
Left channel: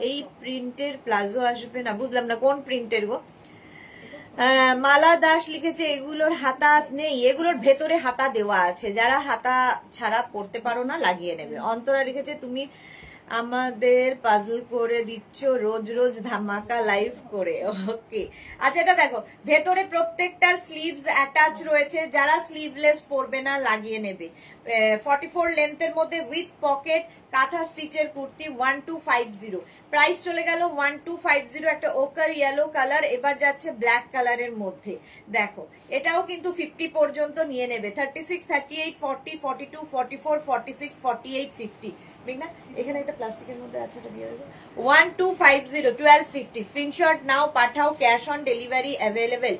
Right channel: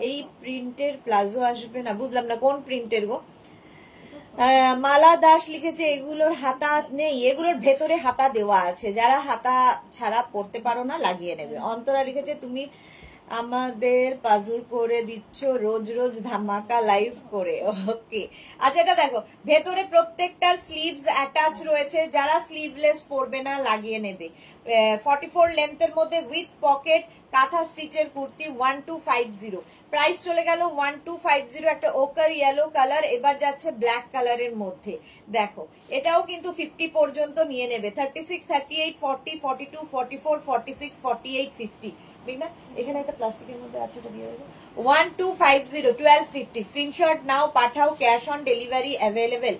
এই প্রিন্টের প্লাজো আসবে না, বুঝলাম না কোন প্রিন্টের গো। মালা দাস লিখেছে এগুলোর হাতা নেই, এগুলোর ভেতরে হাতা দেওয়া আছে, যারা হাতা ছাড়া পড়তে পারো না লাগিয়ে নেবে। অন্তরা লিখেছে তুমি আমাদের পাজল করে দিচ্ছ রোজ রোজ ধামাকা লাইভ করে, ওকে। আচ্ছা এটা দেখো, ভেতরে প্রত্যেকটার স্লিভস অ্যাটাচ রয়েছে, যারা স্লিভলেস পরবে না লাগিয়ে নেবে। 44 লেন্থের মধ্যে উইথ পকেট কাঁথা স্টিচের কুর্তি 1250। প্রাইস চলে গেল 1250। একটা ওকার ইয়েলো কালার, এবার যাচ্ছে ব্ল্যাক কালারের মধ্যে। দেখো এটাও কিন্তু 50 পর্যন্ত নিয়ে নেবে। 36, 38, 40, 42, 44, 46, 48, 50। না এখানে একটা প্লাস্টিকের মধ্যে আছে, ওটা দিয়ে দেবো। 1250, 1250। স্ক্রিনশট নাও, পাঠাও, cash on delivery available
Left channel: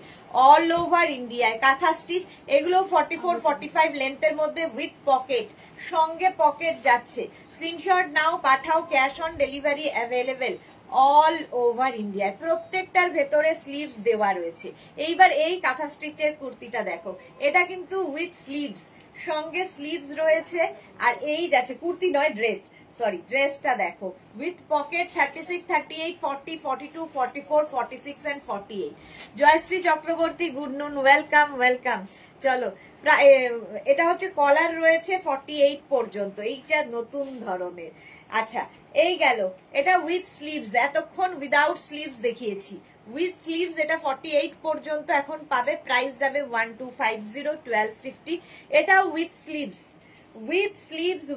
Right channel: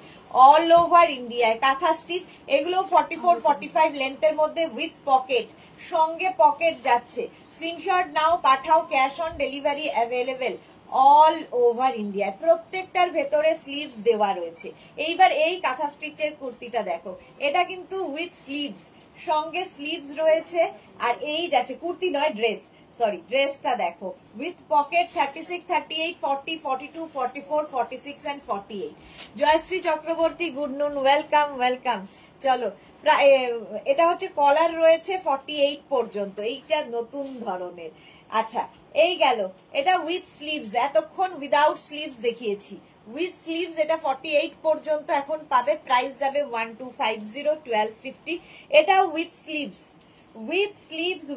all over ইন্ডিয়ায়। কাঁথা স্টিচ এগুলো 44, 45 লেন্থের মধ্যে উইথ পকেট, সঙ্গে পকেট যাচ্ছে। স্ক্রিনশট নাও, পাঠাও, cash on delivery available all over India. প্রত্যেকটার ভেতরে স্লিভস দেওয়া রয়েছে। এইবার এই কাঁথা স্টিচের কুর্তিটা দেখো, এটা কিন্তু উইথ স্লিভস, সঙ্গে স্লিভস রয়েছে। আর এই যাচ্ছে কুর্তি নয় ড্রেস, সরি ড্রেসটা দেখো with pocket. 36, 38, 40, 42, 44, 46 and 48। Jayashree Chakraborty, good noon, welcome welcome. চলো এটা হচ্ছে কলার রয়েছে 48 পর্যন্ত, এইটা নতুন ধরনের। আচ্ছা এই গেল, এটা উইথ স্লিভস, এতক্ষণ উইদাউট স্লিভস দেখিয়েছি। উইথ স্লিভস এটা 48 পর্যন্ত এখন পাবে। প্রাইস যাবে 1250, 1250। এটাও উইথ স্লিভস,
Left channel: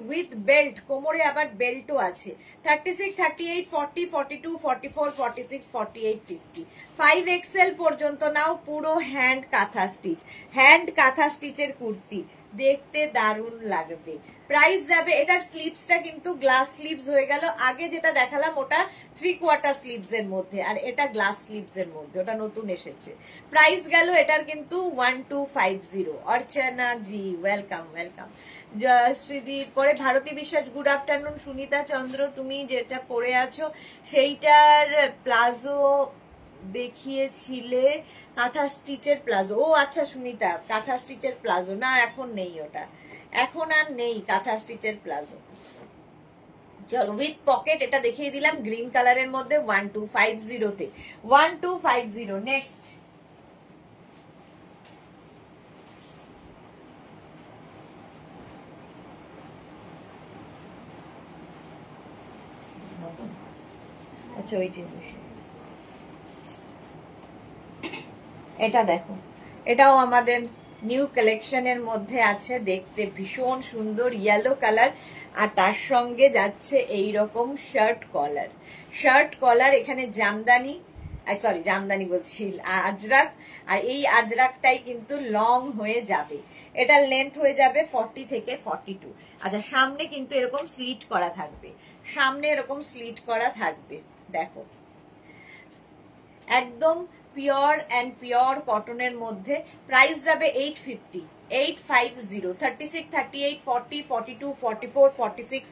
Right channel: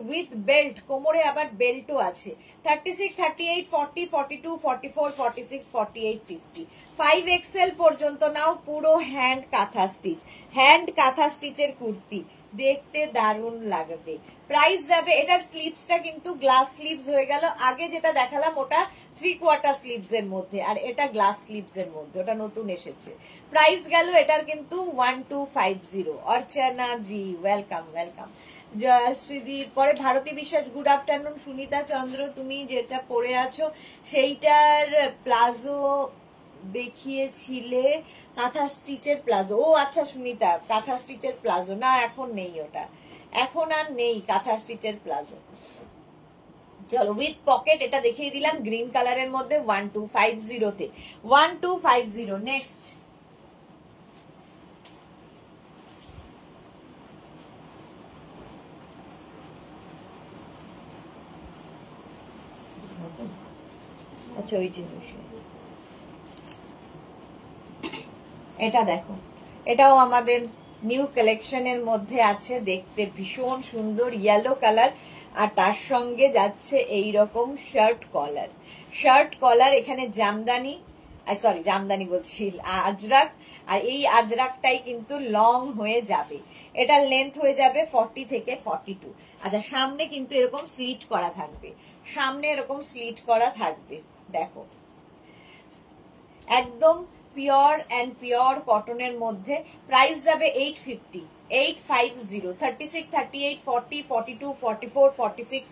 উইথ বেল্ট, কোমরে আবার বেল্টও আছে। 36, 38, 40, 42, 44, 46, 48, 50। 5XL পর্যন্ত নাও। পুরো হ্যান্ড কাঁথা স্টিচ, হ্যান্ড কাঁথা স্টিচের কুর্তি, দেখতে দারুণ লাগবে। প্রাইস যাবে, এটার স্লিভসটা কিন্তু গ্লাস স্লিভস হয়ে গেল। আগে যেটা দেখালাম ওটা 3/4 স্লিভস এর মধ্যে, আর এটা গ্লাস স্লিভস এর মধ্যে, ওটা নতুন এসেছে। প্রাইস গেল এটার কিন্তু 1250। অর্চনা জি ওয়েলকাম ওয়েলকাম। জয়শ্রীদির পরে ভারতী বিশ্বাস, গুড আফটারনুন। সুনিতা চন্দ্র, তুমি যেটা পরে আছো সেইটার প্লাজো দেখিয়েছিলে, কাঁথা স্টিচের প্লাজো। ও আচ্ছা সুনিতা, কাঁথা স্টিচের প্লাজো না, এখন নেই, ওটা এখন আর নেই কাঁথা স্টিচের প্লাজো। চলো উইথ পকেট এটা দেখিয়ে দিলাম গ্রিন কালারের মধ্যে 1250 তে। 1250। নেক্সট আচ্ছা ওই জিনিস এটা দেখো, এটাও আমাদের নিউ কালেকশনের মধ্যে আছে, দেখতে ভীষণ সুন্দর ইয়েলো কালার। আর তার সঙ্গে যাচ্ছে এইরকম শার্ট কলার, এখানে জামদানি, সরি জামদানি বলছি, আজরাক। আর এই আজরাকটাই কিন্তু লং হয়ে যাবে। এটার লেন্থ হয়ে যাবে 40 থেকে 42। আচ্ছা, সামনে কিন্তু এরকম স্লিট করা থাকবে, সামনে এরকম স্লিট করা থাকবে, দেখো একদম পিওর অ্যান্ড পিওর কটনের মধ্যে। প্রাইস যাবে 850, 850, 36, 38, 40, 42, 44, 46,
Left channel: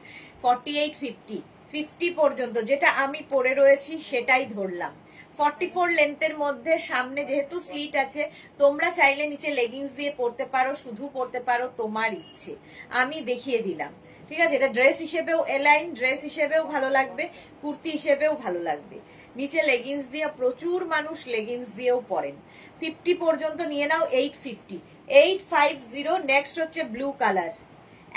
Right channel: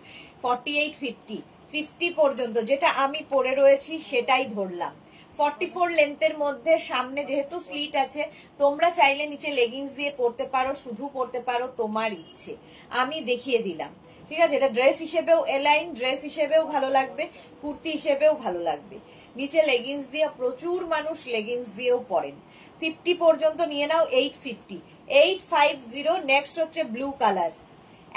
48, 50, 50 পর্যন্ত যেটা আমি পরে রয়েছি সেটাই ধরলাম। 44 লেন্থের মধ্যে, সামনে যেহেতু স্লিট আছে, তোমরা চাইলে নিচে লেগিংস দিয়ে পরতে পারো, শুধু পরতে পারো, তোমার ইচ্ছে, আমি দেখিয়ে দিলাম। ঠিক আছে, এটা ড্রেস হিসেবেও এলাইন, ড্রেস হিসেবেও ভালো লাগবে, কুর্তি হিসেবেও ভালো লাগবে। নিচে লেগিংস দিয়ে প্রচুর মানুষ লেগিংস দিয়েও পরেন। 50 পর্যন্ত নিয়ে নাও, 850, 850। নেক্সট হচ্ছে ব্লু কালার,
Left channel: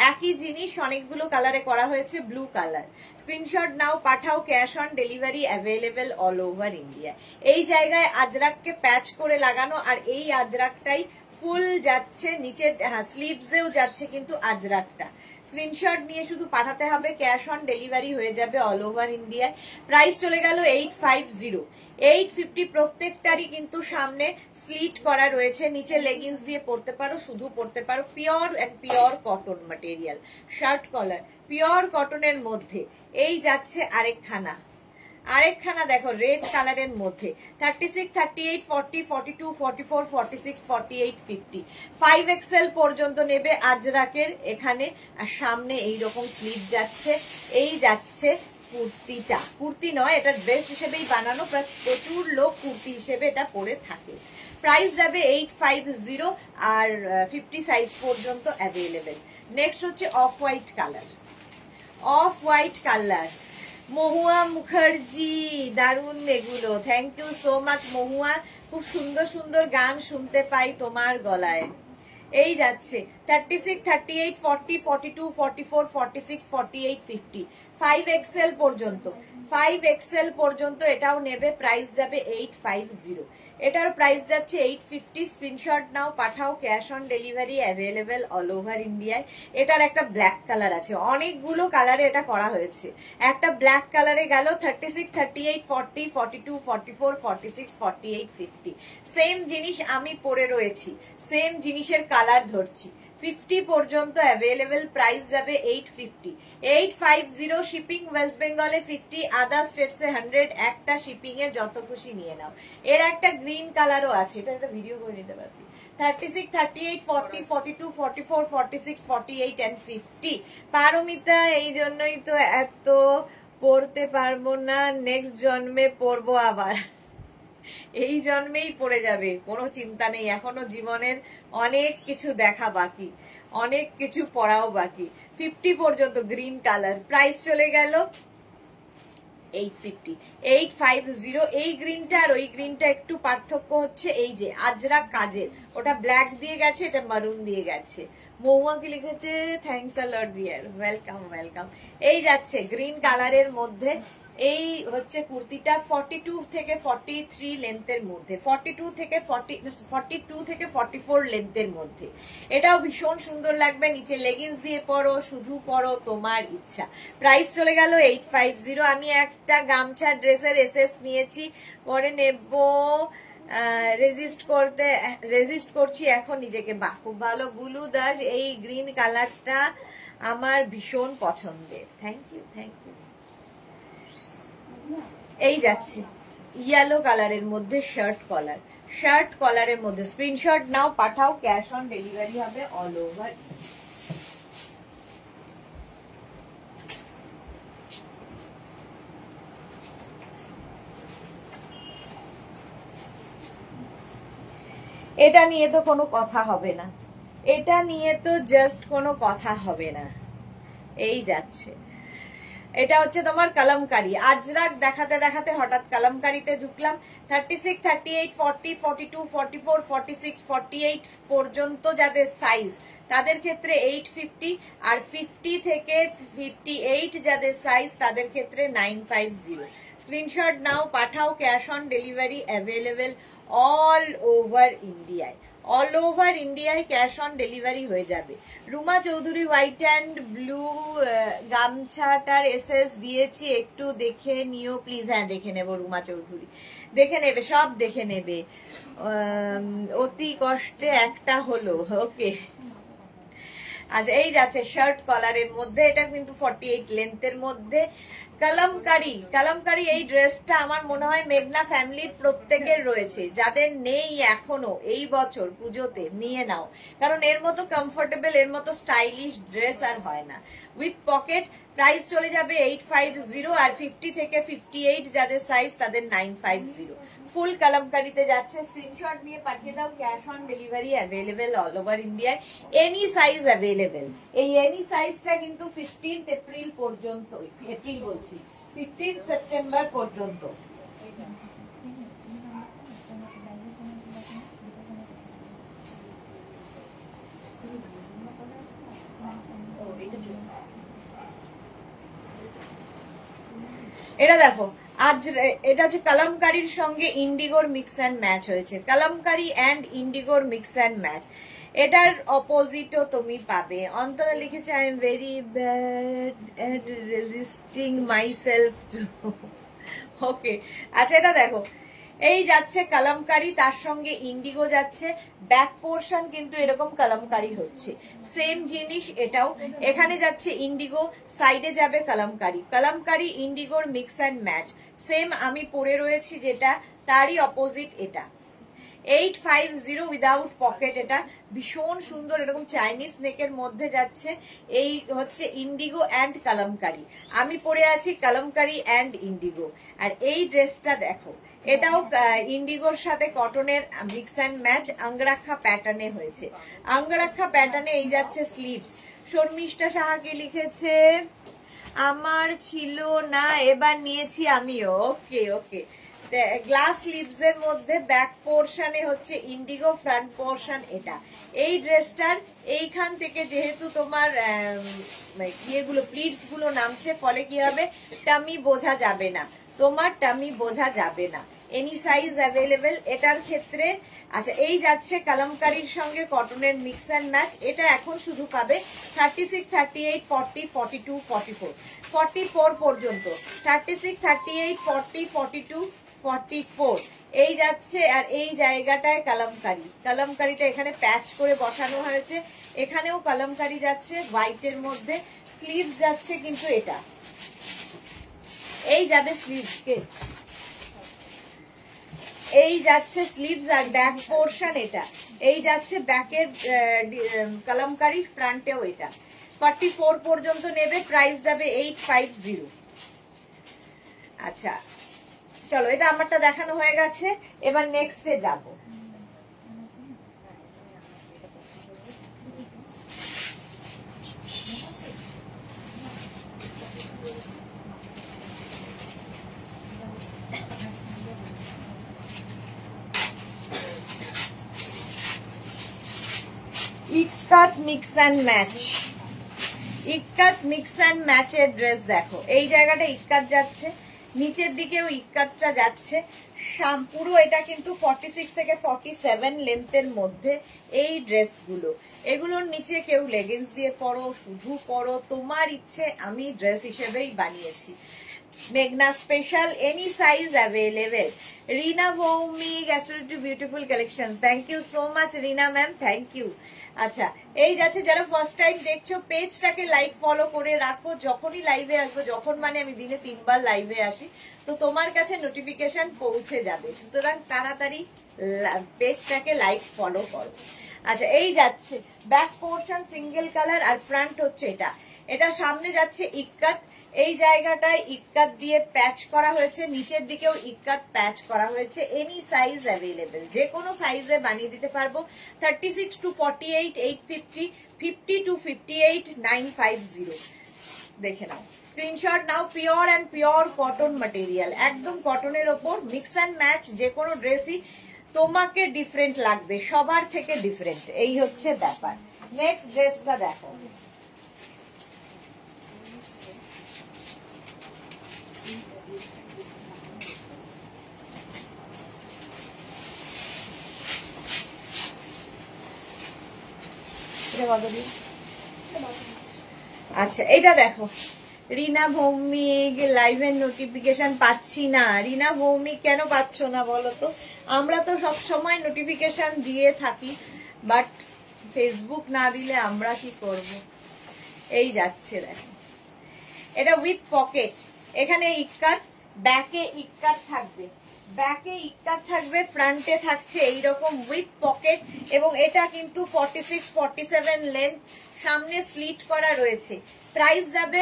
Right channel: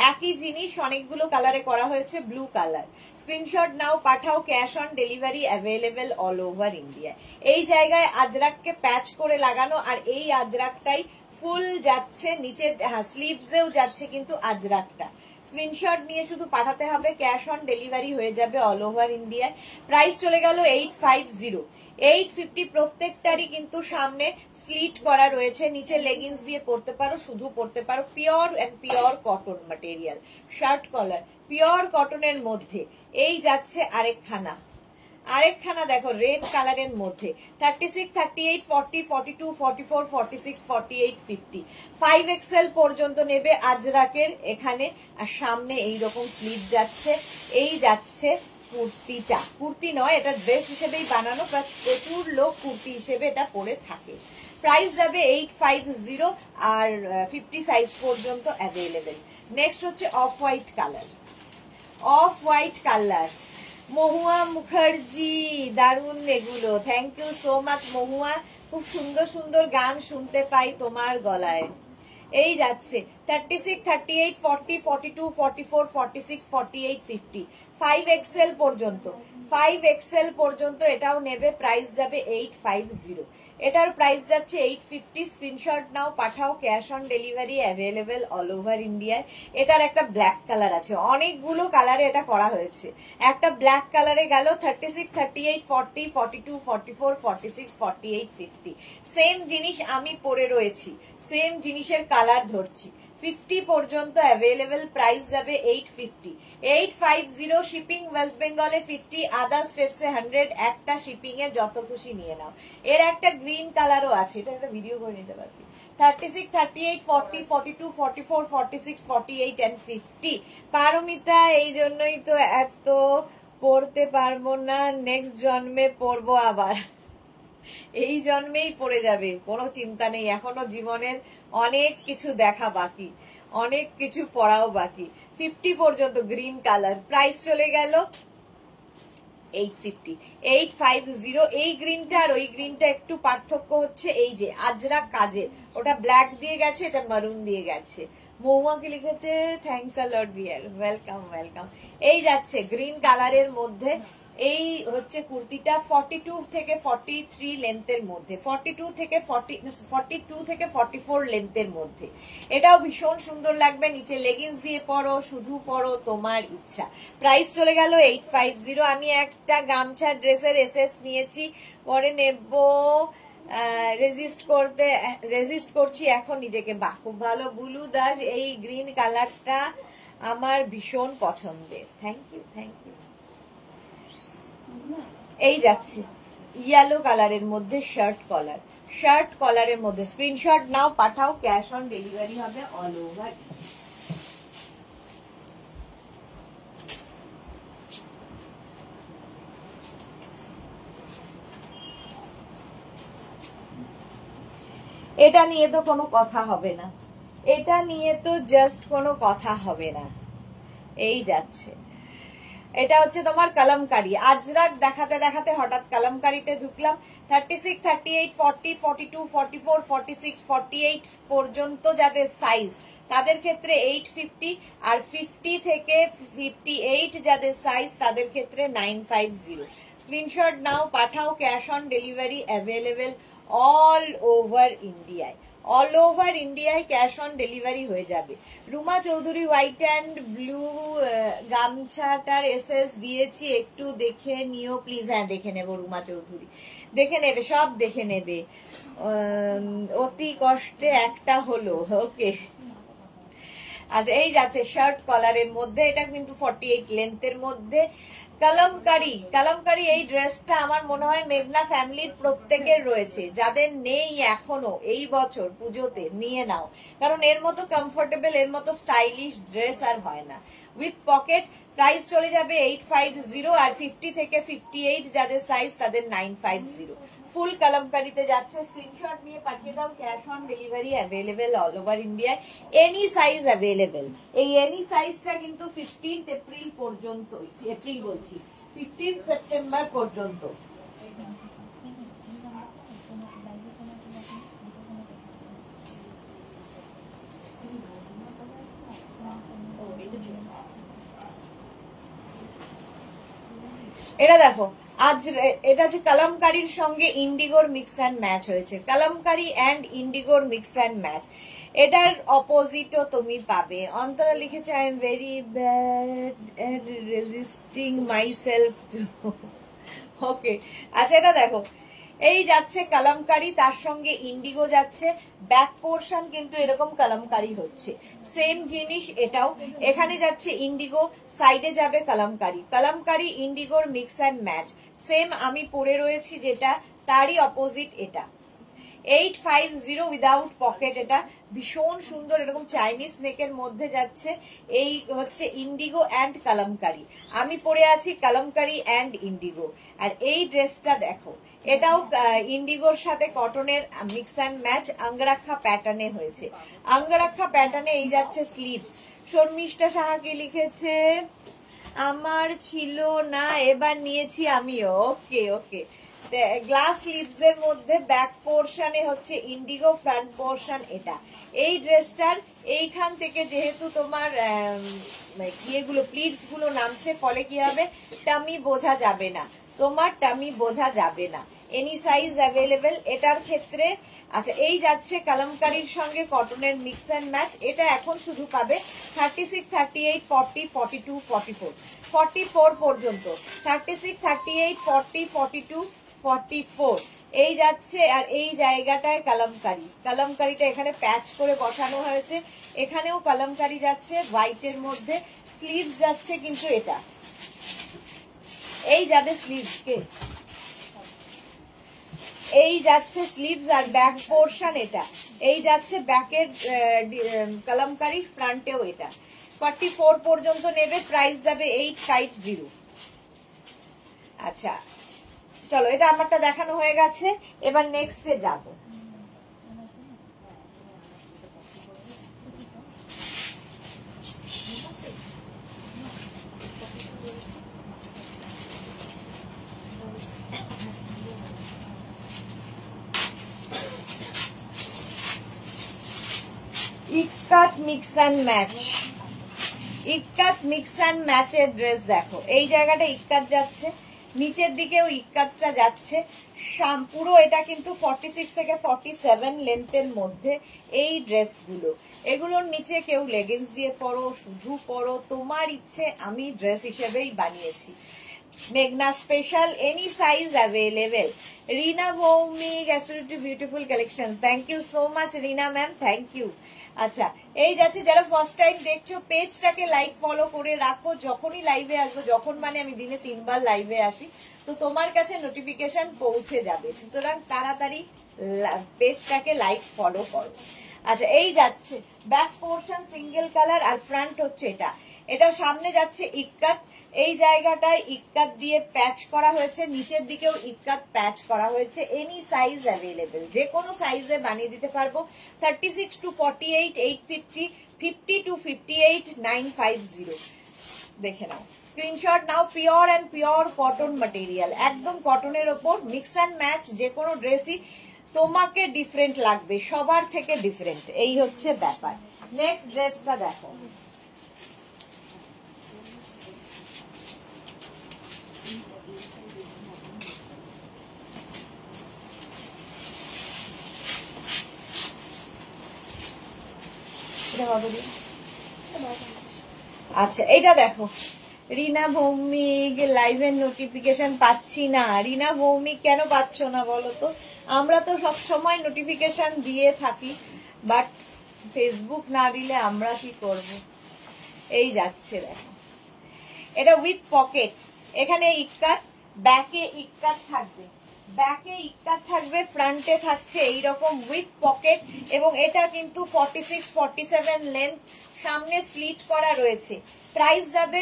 একই জিনিস অনেকগুলো কালারে করা হয়েছে, ব্লু কালার। স্ক্রিনশট নাও, পাঠাও, cash on delivery available all over India. এই জায়গায় আজরাককে প্যাচ করে লাগানো, আর এই আজরাকটাই ফুল যাচ্ছে নিচে, হ্যাঁ স্লিভসেও যাচ্ছে কিন্তু আজরাকটা। স্ক্রিনশট নিয়ে শুধু পাঠাতে হবে, ক্যাশ অন ডেলিভারি হয়ে যাবে অল ওভার ইন্ডিয়ায়। প্রাইস চলে গেল 850, 850। প্রত্যেকটারই কিন্তু সামনে স্লিট করা রয়েছে, নিচে লেগিংস দিয়ে পরতে পারো, শুধু পরতে পারো। Pure and pure cotton material, shirt collar, pure কটনের মধ্যে। এই যাচ্ছে আরেকখানা, আরেকখানা দেখো রেড কালারের মধ্যে, 36, 38, 40, 42, 44, 46, 48, 50, 5XL পর্যন্ত নেবে আজরাকের এখানে। আর সামনে এইরকম স্লিভ যাচ্ছে, এই যাচ্ছে কুর্তিটা, কুর্তি নয় এটা ড্রেস হিসেবেই বানানো, প্রচুর লোক কুর্তি হিসেবে এটা পরে থাকে। প্রাইস যাবে 850 আর 50 সাইজ পর্যন্ত অ্যাভেলেবেল। নেক্সট হচ্ছে off white colour, off white colour, Mahua Mukherjee, দারুণ এগুলো, thank you so much Mahua, খুব সুন্দর সুন্দর গান শুনতে পাই তোমার গলায়। এই যাচ্ছে 36, 38, 40, 42, 44, 46, 48, 50, 5XL পর্যন্ত, 5XL পর্যন্ত এটাও নেবে। প্রাইস যাবে 850, এটার প্রাইস যাচ্ছে 850। স্ক্রিনশট নাও, পাঠাও, cash on delivery available all over ইন্ডিয়ায়। এটার একটা ব্ল্যাক কালার আছে, অনেকগুলো কালারে এটা করা হয়েছে। একটা ব্ল্যাক কালারে গেল 36, 38, 40, 42, 44, 46, 48, 50। সেম জিনিস আমি পরে রয়েছি, সেম জিনিসের কালার ধরছি। 50 পর্যন্ত অ্যাভেলেবেল, প্রাইস যাবে 850, 850। শিপিং ওয়েস্ট বেঙ্গলে 50, আদার স্টেটসে 100। একটা শিপিং এ যত খুশি নিয়ে নাও। এর একটা গ্রিন কালারও আছে, এটা একটা ভিডিও করে নিতে পারবি। 36, 38, 40, 42, 44, 46, 48 and 50। পারমিতা, এই জন্যই তো এত পড়তে পারবো না, নেক্সট জন্মে পড়বো আবার। এই জন্মেই পড়ে যাবে, কোনো চিন্তা নেই, এখনো জীবনের অনেক কিছু দেখা বাকি, অনেক কিছু পড়াও বাকি। 50 পর্যন্ত গ্রিন কালার, প্রাইস চলে গেল 850, 850। এই গ্রিনটা আর ওই গ্রিনটা একটু পার্থক্য হচ্ছে এই যে আজরাক কাজের, ওটা ব্ল্যাক দিয়ে গেছে, এটা মারুন দিয়ে গেছে। মহুয়া কি লিখেছে, thanks a lot dear, welcome welcome. এই যাচ্ছে গ্রিন কালারের মধ্যে, এই হচ্ছে কুর্তিটা 42 থেকে 43 লেন্থের মধ্যে, 42 থেকে 44 লেন্থের মধ্যে। এটাও ভীষণ সুন্দর লাগবে, নিচে লেগিংস দিয়ে পরো, শুধু পরো, তোমার ইচ্ছা। প্রাইস চলে গেল 850। আমি একটা গামছা ড্রেসের এসএস নিয়েছি, পরে নেব, রেজিস্ট করছি এখন নিজেকে। বাহ, খুব ভালো বুলু দাস, এই গ্রিন কালারটা আমার ভীষণ পছন্দের, থ্যাংক ইউ থ্যাংক ইউ। এই যাচ্ছে ইয়েলো কালারের মধ্যে শার্ট কলার, শার্ট কলারের মধ্যে। স্ক্রিনশট নাও, পাঠাও, ক্যাশ অন ডেলিভারি হবে অল ওভার। এটা নিয়ে তো কোনো কথা হবে না, এটা নিয়ে তো জাস্ট কোনো কথা হবে না। এই যাচ্ছে, এটা হচ্ছে তোমার কলমকারি, আজরাক দেখাতে দেখাতে হঠাৎ কলমকারিতে ঢুকলাম। 36, 38, 40, 42, 44, 46, 48 পর্যন্ত যাদের সাইজ তাদের ক্ষেত্রে 850, আর 50 থেকে 58 যাদের সাইজ তাদের ক্ষেত্রে 950। স্ক্রিনশট নাও, পাঠাও, cash on delivery available all over ইন্ডিয়ায়, অল ওভার ইন্ডিয়ায় ক্যাশ অন ডেলিভারি হয়ে যাবে। Ruma Chowdhury, white and blue গামছাটার এসএস দিয়েছি, একটু দেখে নিও প্লিজ। হ্যাঁ দেখে নেব রুমা চৌধুরী, দেখে নেবে, সব দেখে নেবে। অতি কষ্টে একটা হলো, ওকে আচ্ছা এই যাচ্ছে শার্ট কলারের মধ্যে, এটা কিন্তু 48 লেন্থের মধ্যে। কালামকারি এই ড্রেসটা আমার মনে হয় মেঘনা ফ্যামিলির প্রত্যেকের রয়েছে, যাদের নেই এখনো এই বছর পুজোতে নিয়ে নাও, কারণ এর মতো কমফোর্টেবল, এর মতো স্টাইলিশ ড্রেস আর হয় না। উইথ পকেট, প্রাইস চলে যাবে 850, আর 50 থেকে 58 যাদের সাইজ তাদের 950। ফুল কালামকারিতে যাচ্ছে, স্ক্রিনশট নিয়ে পাঠিয়ে দাও। Cash on delivery available all over ইন্ডিয়ায়, এনি সাইজ অ্যাভেলেবেল। এই এনি সাইজটা কিন্তু 15 এপ্রিল পর্যন্ত, 15 সেপ্টেম্বর পর্যন্ত। এটা দেখো, আজ এটা হচ্ছে কালামকারির সঙ্গে ইন্ডিগোর মিক্স অ্যান্ড ম্যাচ হয়েছে, কালামকারি অ্যান্ড ইন্ডিগোর মিক্স অ্যান্ড ম্যাচ। এটার অপোজিটও তুমি পাবে। অন্তরা লিখেছে I am very bad at resisting myself. Okay, আচ্ছা এটা দেখো, এই যাচ্ছে কালামকারি, তার সঙ্গে ইন্ডিগো যাচ্ছে। ব্যাক পোর্শন কিন্তু এরকম কালামকারি হচ্ছে, সেম জিনিস এটাও। এখানে যাচ্ছে ইন্ডিগো, সাইডে যাবে কালামকারি ইন্ডিগোর মিক্স অ্যান্ড ম্যাচ। সেম আমি পরে রয়েছি যেটা, তারই অপোজিট এটা। 850 উইদাউট পকেট, এটা ভীষণ সুন্দর, এরকম চাইনিজ নেকের মধ্যে যাচ্ছে। এই হচ্ছে ইন্ডিগো অ্যান্ড কালামকারি, আমি পরে আছি কালামকারি অ্যান্ড ইন্ডিগো। আর এই ড্রেসটা দেখো, এটাও ইন্ডিগোর সাথে কটনের মিক্স অ্যান্ড ম্যাচ, আঙ্গরাক্ষা প্যাটার্নে হয়েছে। আঙ্গরাক্ষা প্যাটার্নে এই যাচ্ছে স্লিভস। শর্মিষ্ঠা সাহা কি লিখেছে, আমার ছিল না এবার নিয়েছি আমিও। ওকে ওকে, গ্লাস স্লিভস এর মধ্যে ব্যাক পোর্শনে হচ্ছে ইন্ডিগো, ফ্রন্ট পোর্শন এটা। এই ড্রেসটার এইখান থেকে যেহেতু তোমার ইয়েগুলো প্লিটস গুলো নামছে, ফলে কি হবে, টামি বোঝা যাবে না, তোমার টামি বোঝা যাবে না। এনি সাইজ অ্যাভেলেবেল এটার ক্ষেত্রে। আচ্ছা এই যাচ্ছে কালামকারির সঙ্গে কটনের মিক্স অ্যান্ড ম্যাচ, এটা এখন শুধু পাবে 36, 38, 40, 42, 44, 44 পর্যন্ত। 36, 38, 40, 42, 44 এই যাচ্ছে। আর এই জায়গাটায় কালামকারিটা এখানে প্যাচ করে বসানো হয়েছে, এখানেও কালামকারি যাচ্ছে হোয়াইটের মধ্যে। স্লিভস যাচ্ছে কিন্তু এটা, এই যাবে স্লিভস, এই যাচ্ছে স্লিভস। আর ব্যাক পোর্শন এটা, এই যাচ্ছে ব্যাকের কালামকারি, ফ্রন্টেও এটা। 44 পর্যন্ত নেবে, প্রাইস যাবে 850। আচ্ছা চলো, এটা আমারটা দেখানো হয়ে গেছে, এবার নেক্সটে যাব। ইক্কাত mix and match, ikat mix and ম্যাচের ড্রেস দেখো, এই জায়গাটা ইক্কাত যাচ্ছে, নিচের দিকেও ইক্কাতটা যাচ্ছে। পুরো এটা কিন্তু 46 থেকে 47 লেন্থের মধ্যে এই ড্রেসগুলো। এগুলোর নিচে কেউ লেগিংস দিয়ে পরো, শুধু পরো, তোমার ইচ্ছে। আমি ড্রেস হিসেবেই বানিয়েছি। মেঘনা special, any size available. Rina Bhowmik, absolutely beautiful collection, thank you so much Rina ma'am, thank you. আচ্ছা এই যাচ্ছে, যারা ফার্স্ট টাইম দেখছো পেজটাকে লাইক ফলো করে রাখো, যখনই লাইভে আসবো, যখন মানে আমি দিনে 3 বার লাইভে আসি, তো তোমার কাছে নোটিফিকেশন পৌঁছে যাবে, সুতরাং তাড়াতাড়ি পেজটাকে লাইক ফলো করো। আচ্ছা এই যাচ্ছে ব্যাক পোর্শন সিঙ্গেল কালার, আর ফ্রন্ট হচ্ছে এটা। এটা সামনে যাচ্ছে ইক্কাত, এই জায়গাটায় ইক্কাত দিয়ে প্যাচ করা হয়েছে, নিচের দিকেও ইক্কাত প্যাচ করা হয়েছে। এনি সাইজ অ্যাভেলেবেল, যে কোনো সাইজে বানিয়ে দিতে পারবো। 36 to 48 850, 50 to 58 950। দেখে নাও, স্ক্রিনশট নাও। Pure and pure cotton material, একদম কটনের ওপর মিক্স অ্যান্ড ম্যাচ। যে কোনো ড্রেসই তোমাকে ডিফারেন্ট লাগবে, সবার থেকে ডিফারেন্ট, এই হচ্ছে ব্যাপার। নেক্সট ড্রেসটা দেখো, আচ্ছা এটা দেখো, রিনা ভৌমিক লাইভের নোটিফিকেশন পাচ্ছি না। রিনা ভৌমিক কেন পাচ্ছ না বলো তো? আমরা তো সব সময় নোটিফিকেশন দিয়ে থাকি, বাট ফেসবুক না দিলে আমরা কি করব। এই যাচ্ছে দেখো, এটা উইথ পকেট, এখানে ইক্কাত, ব্যাকে ইক্কাত থাকবে, ব্যাকে ইক্কাত থাকবে, ফ্রন্টে থাকছে এইরকম উইথ পকেট, এবং এটা কিন্তু 46-47 লেন্থ, সামনে স্লিট করা রয়েছে। প্রাইস যাবে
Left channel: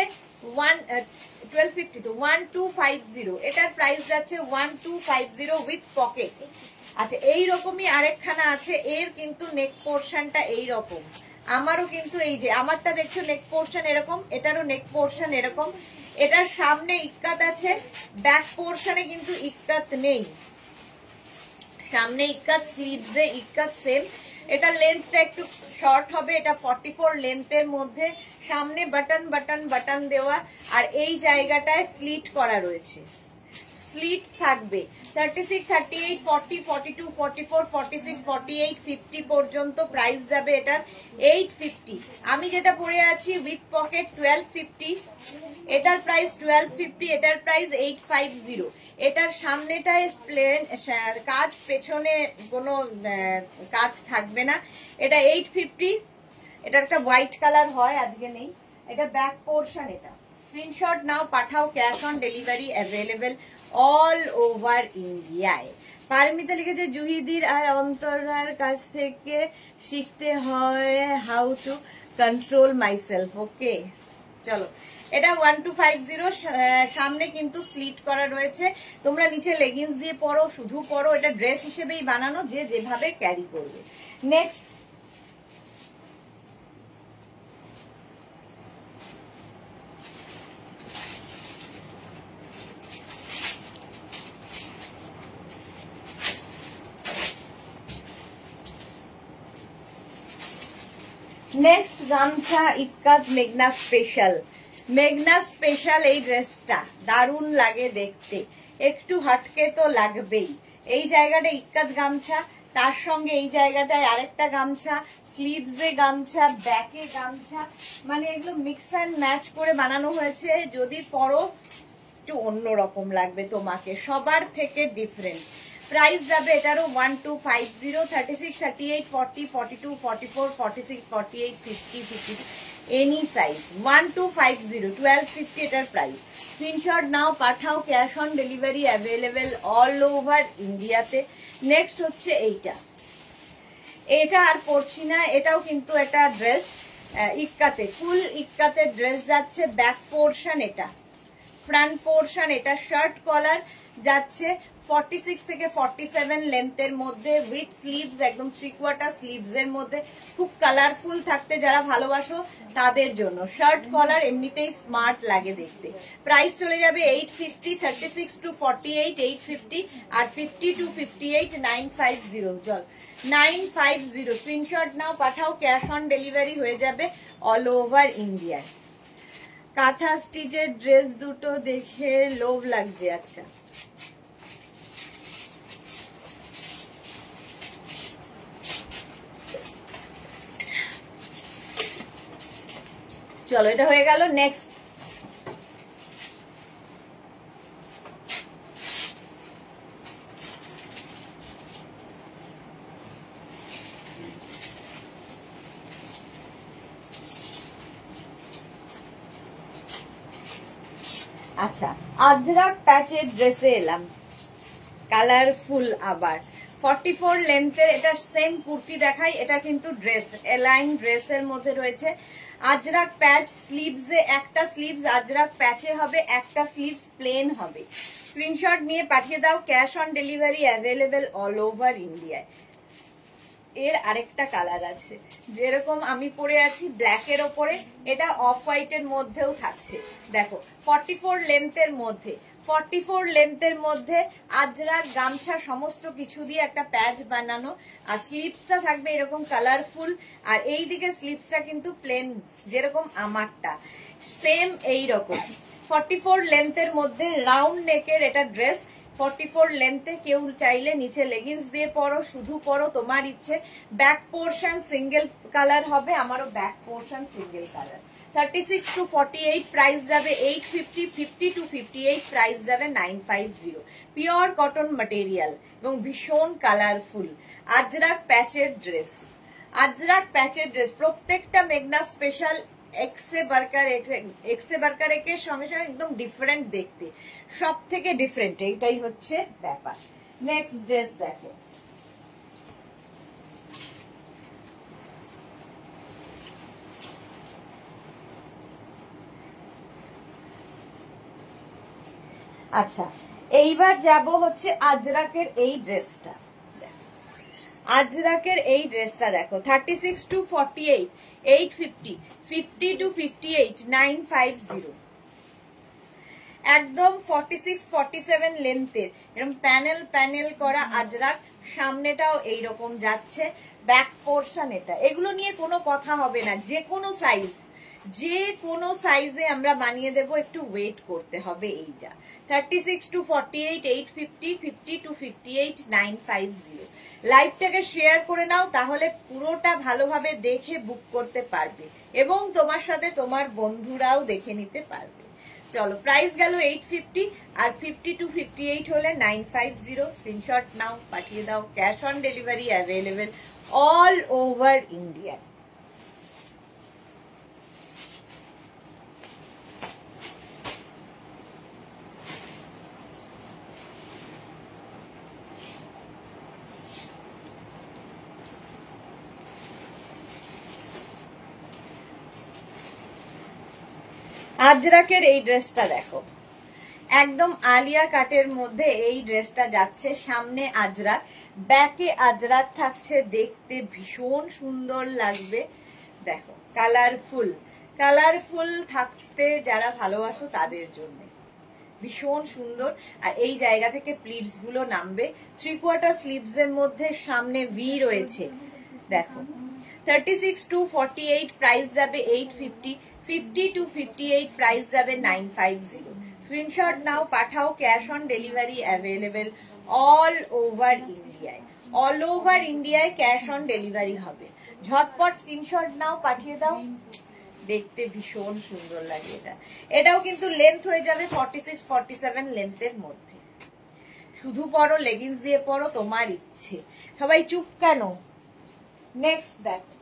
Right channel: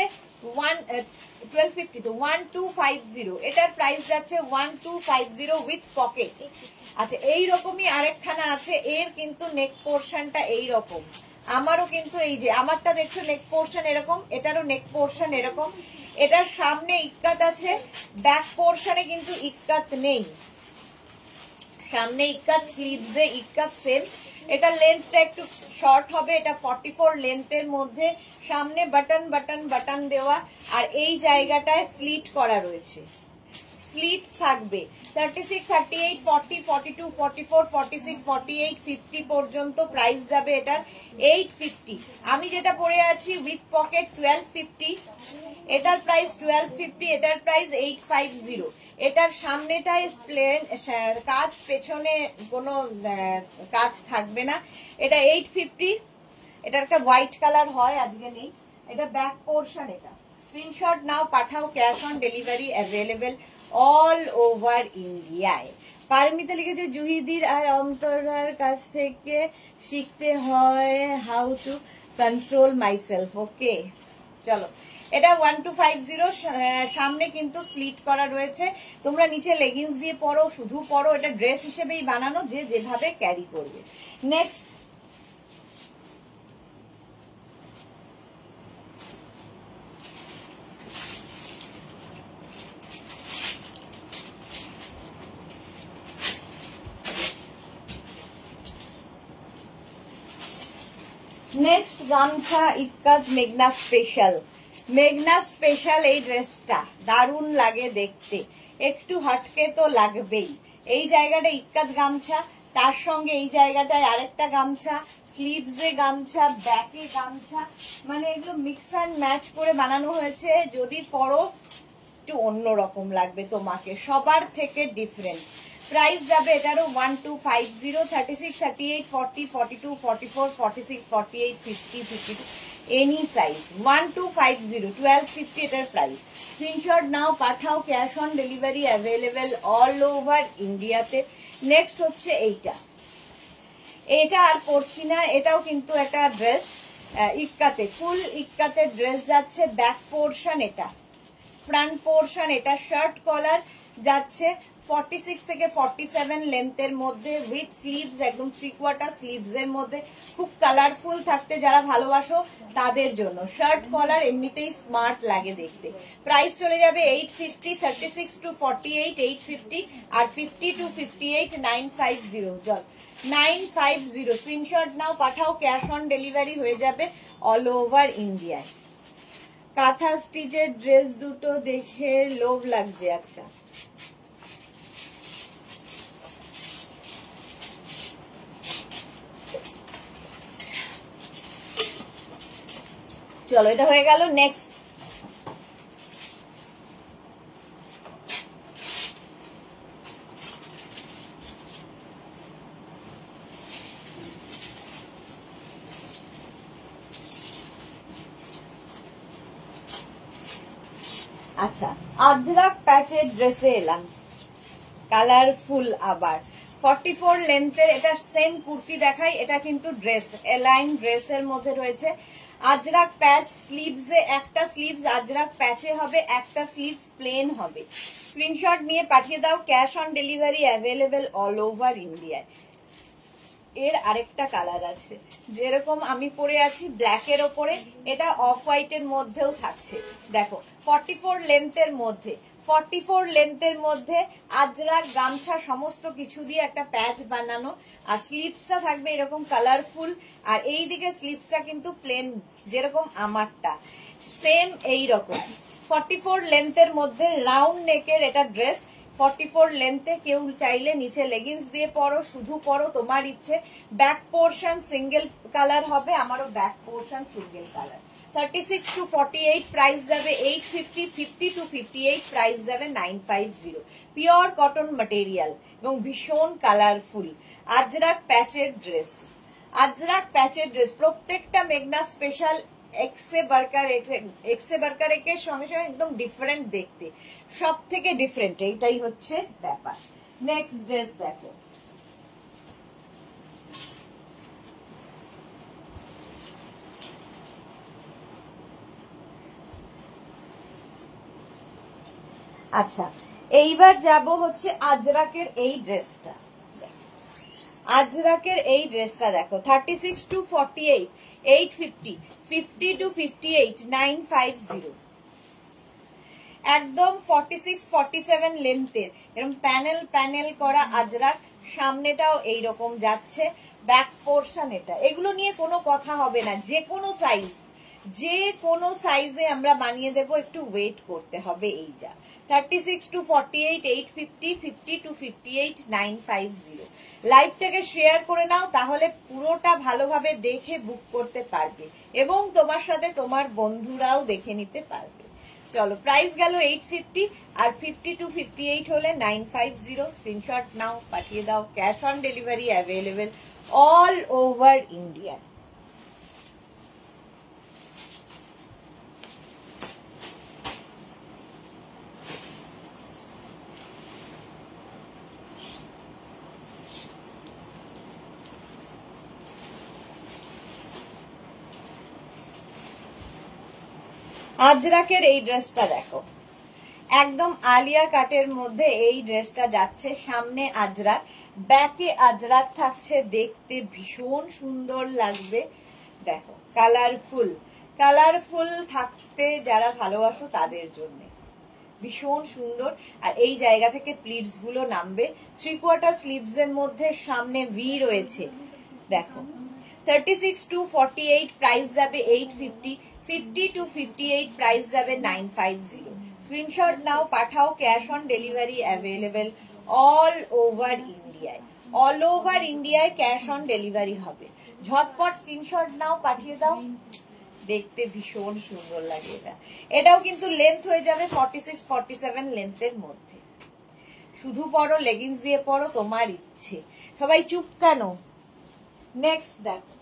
1250 তো 1250, এটার প্রাইস যাচ্ছে 1250 উইথ পকেট। আচ্ছা, এইরকমই আরেকখানা আছে, এর কিন্তু নেক পোর্শনটা এইরকম, আমারও কিন্তু এই যে আমারটা দেখছো নেক পোর্শন এরকম, এটারও নেক পোর্শন এরকম, এটার সামনে ইক্কাত আছে, ব্যাক পোর্শনে কিন্তু ইক্কাত নেই, সামনে ইক্কাত, স্লিভসে ইক্কাত সেম। এটা লেন্থটা একটু শর্ট হবে, এটা 44 লেন্থের মধ্যে, সামনে বাটন বাটন বাটন দেওয়া, আর এই জায়গাটায় স্লিট করা রয়েছে, স্লিট থাকবে। 36, 38, 40, 42, 44, 46, 48, 50 পর্যন্ত প্রাইস যাবে এটার 850। আমি যেটা পরে আছি উইথ পকেট 1250, এটার প্রাইস 1250, এটার প্রাইস 850। এটার সামনেটায় প্লেন কাজ, পেছনে কোনো কাজ থাকবে না, এটা 850। এটার একটা হোয়াইট কালার হয়, আজকে নেই। এটা ব্যাক পোর্শন, এটা স্ক্রিনশট নাও, পাঠাও, cash on delivery available all over ইন্ডিয়ায়। পারমিতা লিখেছে জুহিদির আর অন্তরার কাছ থেকে শিখতে হয় হাউ টু কন্ট্রোল মাইসেলফ। ওকে, চলো, এটা 1250, সামনে কিন্তু স্লিট করা রয়েছে, তোমরা নিচে লেগিংস দিয়ে পরো, শুধু পরো, এটা ড্রেস হিসেবেই বানানো, যে যেভাবে ক্যারি করবে। নেক্সট, নেক্সট গামছা ইক্কাত মেঘনা স্পেশাল। মেঘনা স্পেশাল এই ড্রেসটা দারুণ লাগে দেখতে, একটু হটকে তো লাগবেই। এই জায়গাটা ইক্কাত গামছা, তার সঙ্গে এই জায়গাটায় আরেকটা গামছা, স্লিভসে গামছা, ব্যাকে গামছা, মানে এগুলো মিক্স অ্যান্ড ম্যাচ করে বানানো হয়েছে। যদি পরো একটু অন্যরকম লাগবে তোমাকে, সবার থেকে ডিফারেন্ট। প্রাইস যাবে এটারও 1250, 36, 38, 40, 42, 44, 46, 48, 50, 52, এনি সাইজ 1250, 1250 এটার প্রাইস। স্ক্রিনশট নাও, পাঠাও, cash on delivery available all over ইন্ডিয়াতে। নেক্সট হচ্ছে এইটা, এটা আর পরছি না, এটাও কিন্তু একটা ড্রেস ইক্কাতে, ফুল ইক্কাতে ড্রেস যাচ্ছে। ব্যাক পোর্শন এটা, ফ্রন্ট পোর্শন এটা, শার্ট কলার যাচ্ছে 46 থেকে 47 লেন্থের মধ্যে, উইথ স্লিভস, একদম 3/4 স্লিভস এর মধ্যে, খুব কালারফুল থাকতে যারা ভালোবাসো তাদের জন্য। শার্ট কলার এমনিতেই স্মার্ট লাগে দেখতে। প্রাইস চলে যাবে 850, 36 to 48 850, আর 50 to 58 950। চল 950, স্ক্রিনশট নাও, পাঠাও, ক্যাশ অন ডেলিভারি হয়ে যাবে অল ওভার ইন্ডিয়ায়। কাঁথা স্টিচের ড্রেস দুটো দেখে লোভ লাগছে। আচ্ছা, চলো, এটা হয়ে গেল। নেক্সট, আচ্ছা, আজরাক প্যাচের ড্রেসে এলাম, কালারফুল আবার 44 লেন্থের, এটা সেম কুর্তি দেখাই, এটা কিন্তু ড্রেস, এলাইন ড্রেসের মধ্যে রয়েছে। আজরাক প্যাচ, স্লিভসে একটা স্লিভস আজরাক প্যাচে হবে, একটা স্লিভস প্লেন হবে। স্ক্রিনশট নিয়ে পাঠিয়ে দাও, cash on delivery available all over ইন্ডিয়ায়। এর আরেকটা কালার আছে, যেরকম আমি পরে আছি ব্ল্যাকের ওপরে, এটা অফ হোয়াইটের মধ্যেও থাকছে। দেখো 44 লেন্থের মধ্যে, 44 লেন্থের মধ্যে আজরাক গামছা সমস্ত কিছু দিয়ে একটা প্যাচ বানানো, আর স্লিভসটা থাকবে এরকম কালারফুল, আর এই দিকে স্লিভসটা কিন্তু প্লেন, যেরকম আমারটা সেম এইরকম। 44 লেন্থের মধ্যে রাউন্ড নেকের এটা ড্রেস, 44 লেন্থে, কেউ চাইলে নিচে লেগিংস দিয়ে পরো, শুধু পরো, তোমার ইচ্ছে। ব্যাক পোর্শন সিঙ্গেল কালার হবে, আমারও back portion single colour. 36 to 48 price যাবে 850, 50 to 58 প্রাইস যাবে 950। পিওর কটন ম্যাটেরিয়াল এবং ভীষণ কালারফুল, আজরাক প্যাচের ড্রেস। আজরাক প্যাচের ড্রেস, প্রত্যেকটা মেঘনা স্পেশাল এক্সে বার্কার একের সঙ্গে সঙ্গে একদম ডিফারেন্ট দেখতে, সব থেকে ডিফারেন্ট, এইটাই হচ্ছে ব্যাপার। নেক্সট ড্রেস দেখো, আচ্ছা এইবার যাব হচ্ছে আজরাকের এই ড্রেসটা। আজরাকের এই ড্রেসটা দেখো 36 to 48 850, 50 to 58 950, একদম 46 47 লেন্থের এরকম প্যানেল প্যানেল করা আজরাক, সামনেটাও এইরকম যাচ্ছে, ব্যাক পোর্শন এটা। এগুলো নিয়ে কোনো কথা হবে না, যে কোনো সাইজে আমরা বানিয়ে দেব, একটু ওয়েট করতে হবে। এই যা 36 to 48 850, 50 to 58 950। লাইভটাকে শেয়ার করে নাও, তাহলে পুরোটা ভালোভাবে দেখে বুক করতে পারবে এবং তোমার সাথে তোমার বন্ধুরাও দেখে নিতে পারবে। চলো, প্রাইস গেল 850 আর 50 to 58 হলে 950। স্ক্রিনশট নাও, পাঠিয়ে দাও। Cash on delivery available all over India. আজরাকের এই ড্রেসটা দেখো, একদম আলিয়া কাটের মধ্যে এই ড্রেসটা যাচ্ছে, সামনে আজরাক, ব্যাকে আজরাক থাকছে, দেখতে ভীষণ সুন্দর লাগবে। দেখো কালারফুল থাকতে যারা ভালোবাসো তাদের জন্য ভীষণ সুন্দর। আর এই জায়গা থেকে প্লিটস গুলো নামবে, 3/4 স্লিভস এর মধ্যে সামনে ভি রয়েছে। দেখো 36 to 48 প্রাইস যাবে 850, 50 to 58 প্রাইস যাবে 950। স্ক্রিনশট নাও, পাঠাও। Cash on delivery available all over ইন্ডিয়ায় ক্যাশ অন ডেলিভারি হবে। ঝটপট স্ক্রিনশট নাও, পাঠিয়ে দাও। দেখতে ভীষণ সুন্দর লাগে এটা। এটাও কিন্তু লেন্থ হয়ে যাবে 46 47 লেন্থের মধ্যে। শুধু পরো, লেগিংস দিয়ে পরো, তোমার ইচ্ছে। সবাই চুপ কেন? নেক্সট দেখো,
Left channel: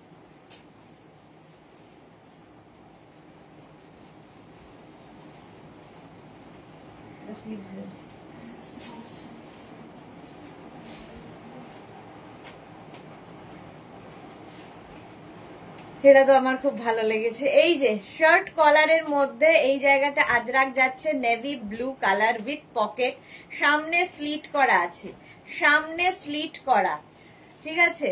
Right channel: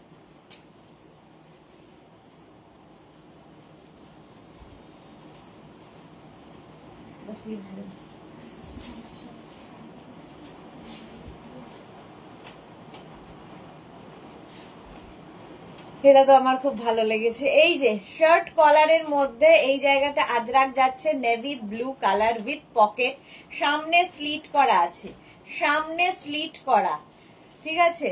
এটা তো আমার খুব ভালো লেগেছে। এই যে শার্ট কলারের মধ্যে এই জায়গাটা আজরাক যাচ্ছে, navy blue colour with pocket, সামনে স্লিট করা আছে, ঠিক আছে।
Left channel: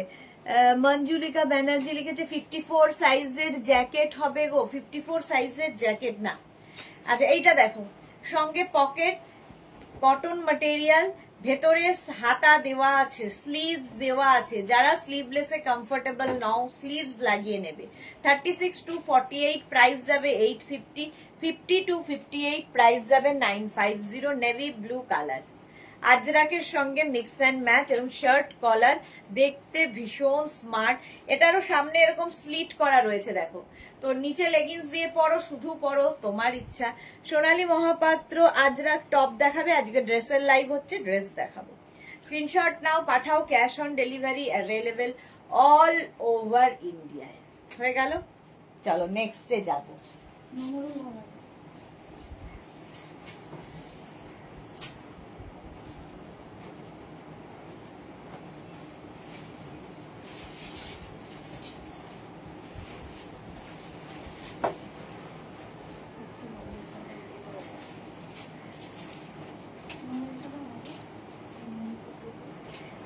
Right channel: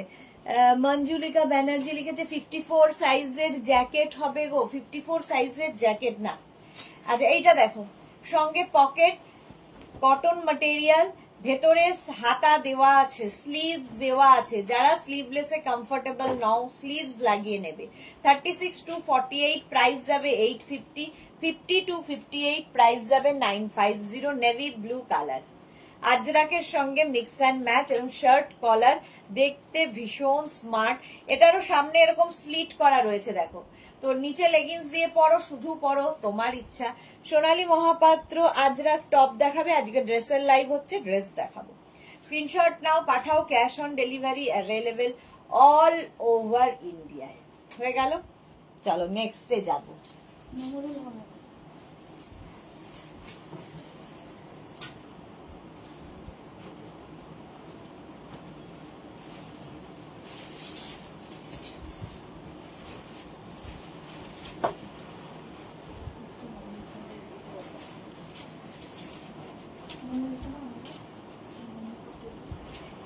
মঞ্জুলিকা ব্যানার্জি লিখেছে 54 সাইজের জ্যাকেট হবে গো। 54 সাইজের জ্যাকেট না। আচ্ছা এইটা দেখো, সঙ্গে পকেট, কটন ম্যাটেরিয়াল, ভেতরে হাতা দেওয়া আছে, স্লিভস দেওয়া আছে। যারা স্লিভলেসে কমফোর্টেবল নাও, স্লিভস লাগিয়ে নেবে। 36 to 48 প্রাইস যাবে 850, 50 to 58 প্রাইস যাবে 950। নেভি ব্লু কালার, আজরাকের সঙ্গে মিক্স অ্যান্ড ম্যাচ এবং শার্ট কলার, দেখতে ভীষণ স্মার্ট। এটারও সামনে এরকম স্লিট করা রয়েছে দেখো। তো নিচে লেগিংস দিয়ে পরো, শুধু পরো, তোমার ইচ্ছা। সোনালী মহাপাত্র আজরাক টপ দেখাবে, আজকে ড্রেসের লাইভ হচ্ছে, ড্রেস দেখাবো। স্ক্রিনশট নাও, পাঠাও। Cash on delivery available all over ইন্ডিয়ায়। হয়ে গেল, চলো নেক্সটে যাবো।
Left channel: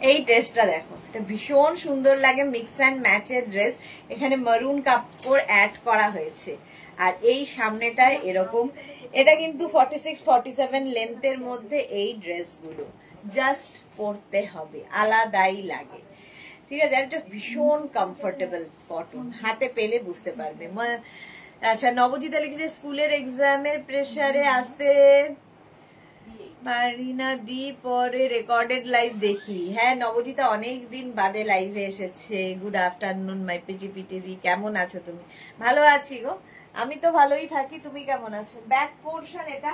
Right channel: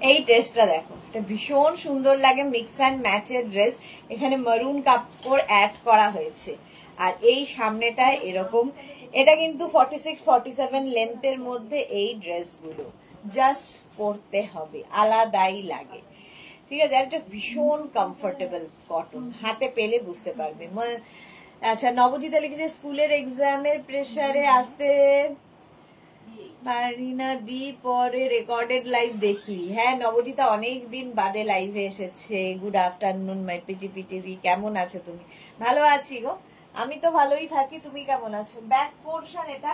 এই ড্রেসটা দেখো, এটা ভীষণ সুন্দর লাগে, মিক্স অ্যান্ড ম্যাচের ড্রেস। এখানে মারুন কাপড় অ্যাড করা হয়েছে আর এই সামনেটায় এরকম। এটা কিন্তু 46 47 লেন্থের মধ্যে এই ড্রেসগুলো জাস্ট পরতে হবে, আলাদাই লাগে, ঠিক আছে। এটা ভীষণ কমফোর্টেবল কটন, হাতে পেলে বুঝতে পারবে। আচ্ছা, নবজিতা লিখেছে স্কুলের এক্সামের প্রেসারে আসতে পারি না দি, পরে রেকর্ডেড লাইভ দেখি। হ্যাঁ নবজিতা, অনেকদিন বাদে লাইভে এসেছে। গুড আফটারনুন মাই পিটি দি, কেমন আছো তুমি? ভালো আছি গো, আমি তো ভালোই থাকি। তুমি কেমন আছো? ব্যাক পোর্শন এটা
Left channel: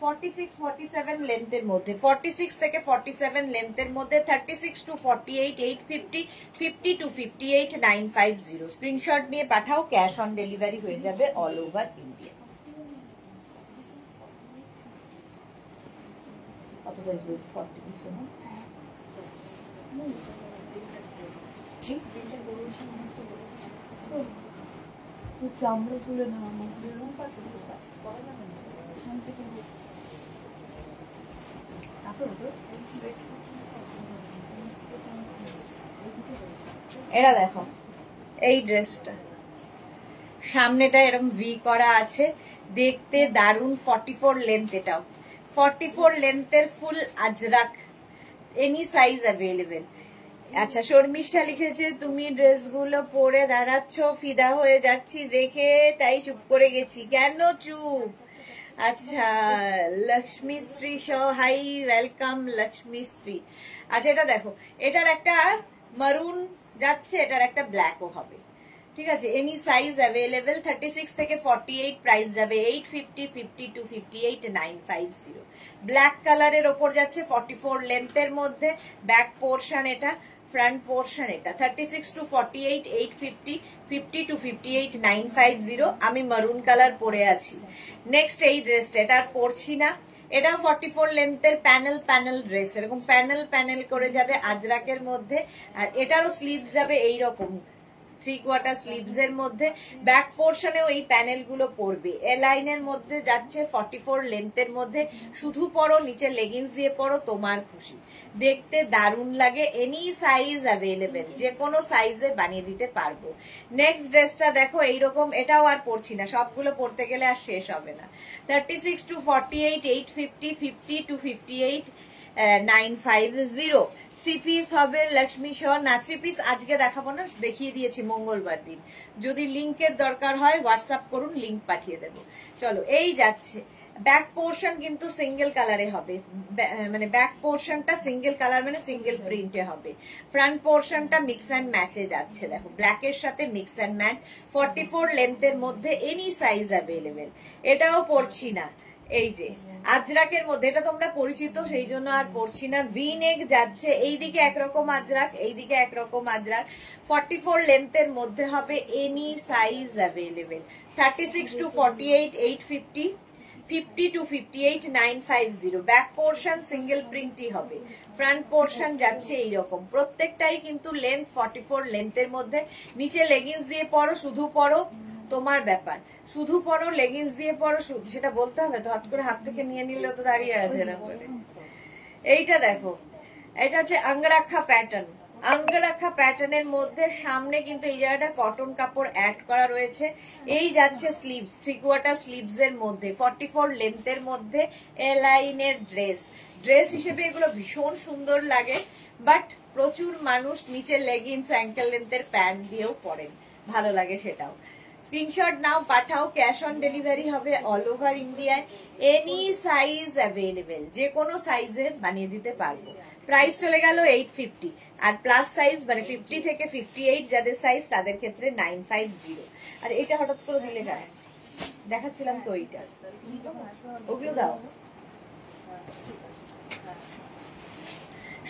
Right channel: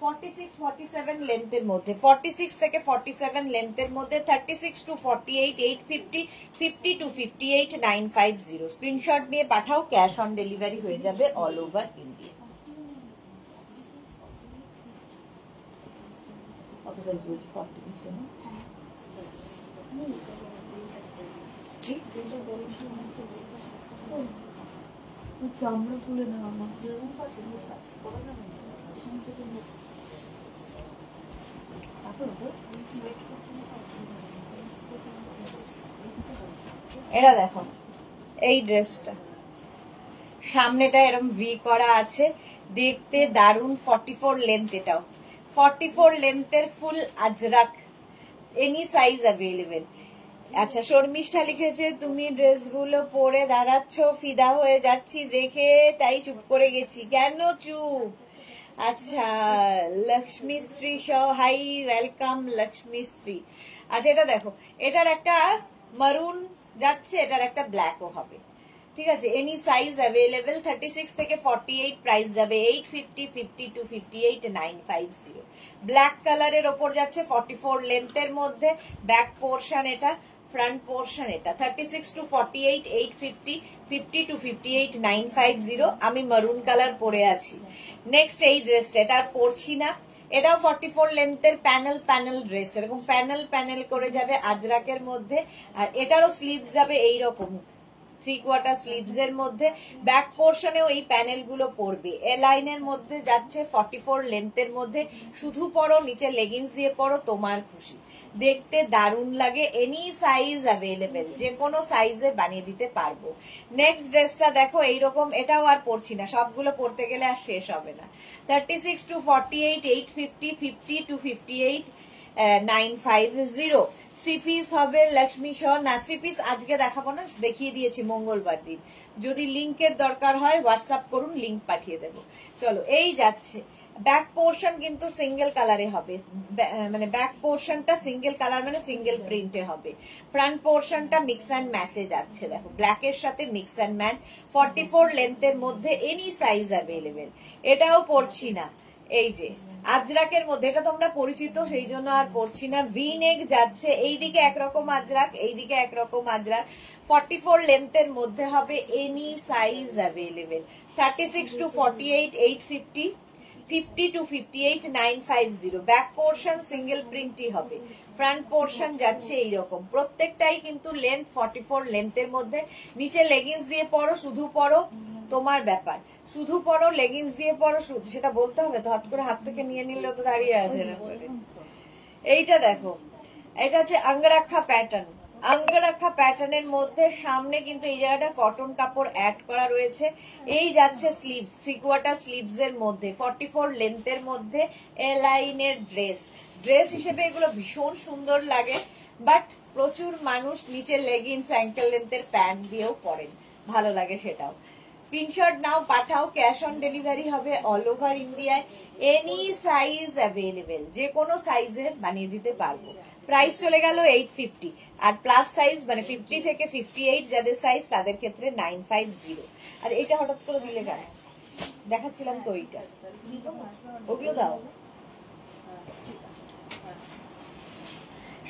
46 47 লেন্থের মধ্যে, 46 থেকে 47 লেন্থের মধ্যে, 36 to 48 850, 50 to 58 950। স্ক্রিনশট নিয়ে পাঠাও, ক্যাশ অন ডেলিভারি হয়ে যাবে অল ওভার ইন্ডিয়া। কত সাইজ বলছি? 40 না? চামড়া তুলে না আমার এটা দেখো, এই ড্রেসটা সামনেটা এরকম ভি করা আছে, দেখতে দারুন। 44 লেন্থ, এটাও 44 লেন্থের ফুল আজরাক, এনি সাইজ অ্যাভেলেবেল। আচ্ছা, শর্মিষ্ঠা লিখেছে তুমি ড্রেসগুলো পরে দাঁড়াচ্ছ, ফিদা হয়ে যাচ্ছি দেখে, তাই চুপ করে গেছি। কেন চুপ? আচ্ছা, লক্ষ্মীশ্রী হাই, ওয়েলকাম লক্ষ্মীশ্রী। আচ্ছা, এটা দেখো, এটার একটা মারুন যাচ্ছে, এটার একটা ব্ল্যাকও হবে, ঠিক আছে। এনি সাইজ অ্যাভেলেবেল, 36 থেকে 48, প্রাইস যাবে 850, 50 to 58 950। ব্ল্যাক কালারের ওপর যাচ্ছে, 44 লেন্থের মধ্যে, ব্যাক পোর্শন এটা, ফ্রন্ট পোর্শন এটা, 36 to 48 850, 50 to 58 950। আমি মারুন কালার পরে আছি। নেক্সট এই ড্রেসটা, এটা আর পরছি না, এটাও 44 লেন্থের প্যানেল প্যানেল ড্রেস, এরকম প্যানেল প্যানেল করে যাবে আজরাকের মধ্যে, আর এটারও স্লিভস যাবে এইরকম 3/4 স্লিভস এর মধ্যে, ব্যাক পোর্শনেও এই প্যানেল গুলো পড়বে। এ লাইনের মধ্যে যাচ্ছে, 44 লেন্থের মধ্যে, শুধু পরো, নিচে লেগিংস দিয়ে পরো, তোমার খুশি, দেখতে দারুণ লাগে। এনি সাইজ অ্যাভেলেবেল, যে কোনো সাইজে বানিয়ে দিতে পারবো। নেক্সট ড্রেসটা দেখো, এইরকম, এটাও আর পরছি না, সবগুলো পরতে গেলে আর শেষ হবে না। 36 to 48 850, 50 to 58 950। 3 পিস হবে লক্ষ্মী সহ না, 3 পিস আজকে দেখাবো না, দেখিয়ে দিয়েছি মঙ্গলবার দিন। যদি লিংকের দরকার হয় হোয়াটসঅ্যাপ করুন, লিংক পাঠিয়ে দেবো। চলো, এই যাচ্ছে। ব্যাক পোর্শন কিন্তু সিঙ্গেল কালারে হবে, মানে ব্যাক পোর্শনটা সিঙ্গেল কালার মানে সিঙ্গেল প্রিন্টে হবে। ফ্রন্ট পোর্শনটা মিক্স অ্যান্ড ম্যাচে যাচ্ছে, দেখো ব্ল্যাকের সাথে মিক্স অ্যান্ড ম্যাচ, 44 লেন্থের মধ্যে, এনি সাইজ অ্যাভেলেবেল। এটাও পরছি না, এই যে আজরাকের মধ্যে, এটা তোমরা পরিচিত সেই জন্য আর পরছি না। ভি নেক যাচ্ছে, এইদিকে একরকম আজরাক, এইদিকে একরকম আজরাক, 44 লেন্থের মধ্যে হবে, any size available. 36 to 48 850, 50 to 58 950। Back portion single প্রিন্টই হবে, ফ্রন্ট পোর্শন যাচ্ছে এইরকম, প্রত্যেকটাই কিন্তু লেন্থ 44 লেন্থের মধ্যে। নিচে লেগিংস দিয়ে পরো, শুধু পরো, তোমার ব্যাপার, শুধু পরো, লেগিংস দিয়ে পরো, শুধু সেটা বলতে হবে তো, হট করে হাত থেকে নিয়ে নিলে তো দাঁড়িয়ে আছে না। এইটা দেখো, এটা হচ্ছে অঙ্গরাক্ষা প্যাটার্ন, অঙ্গরাক্ষা প্যাটার্নের মধ্যে সামনে কিন্তু এই জায়গাটা কটন কাপড় অ্যাড করা রয়েছে। এই যাচ্ছে স্লিভস, 3/4 স্লিভস এর মধ্যে, 44 লেন্থের মধ্যে, এ লাইনের ড্রেস। ড্রেস হিসেবে এগুলো ভীষণ সুন্দর লাগে, বাট প্রচুর মানুষ নিচে লেগিংস অ্যাঙ্কেল লেন্থের প্যান্ট দিয়েও পরেন, ভালো লাগে সেটাও। স্ক্রিনশট নাও, পাঠাও, ক্যাশ অন ডেলিভারি হবে অল ওভার ইন্ডিয়ায়। এনি সাইজ অ্যাভেলেবেল, যে কোনো সাইজে বানিয়ে দিতে পারবো। প্রাইস চলে গেল 850, আর প্লাস সাইজ মানে 50 থেকে 58 যাদের সাইজ তাদের ক্ষেত্রে 950। আর এটা হঠাৎ করে দিলে গায়ে দেখাচ্ছিলাম তো, এইটা ওগুলো দাও।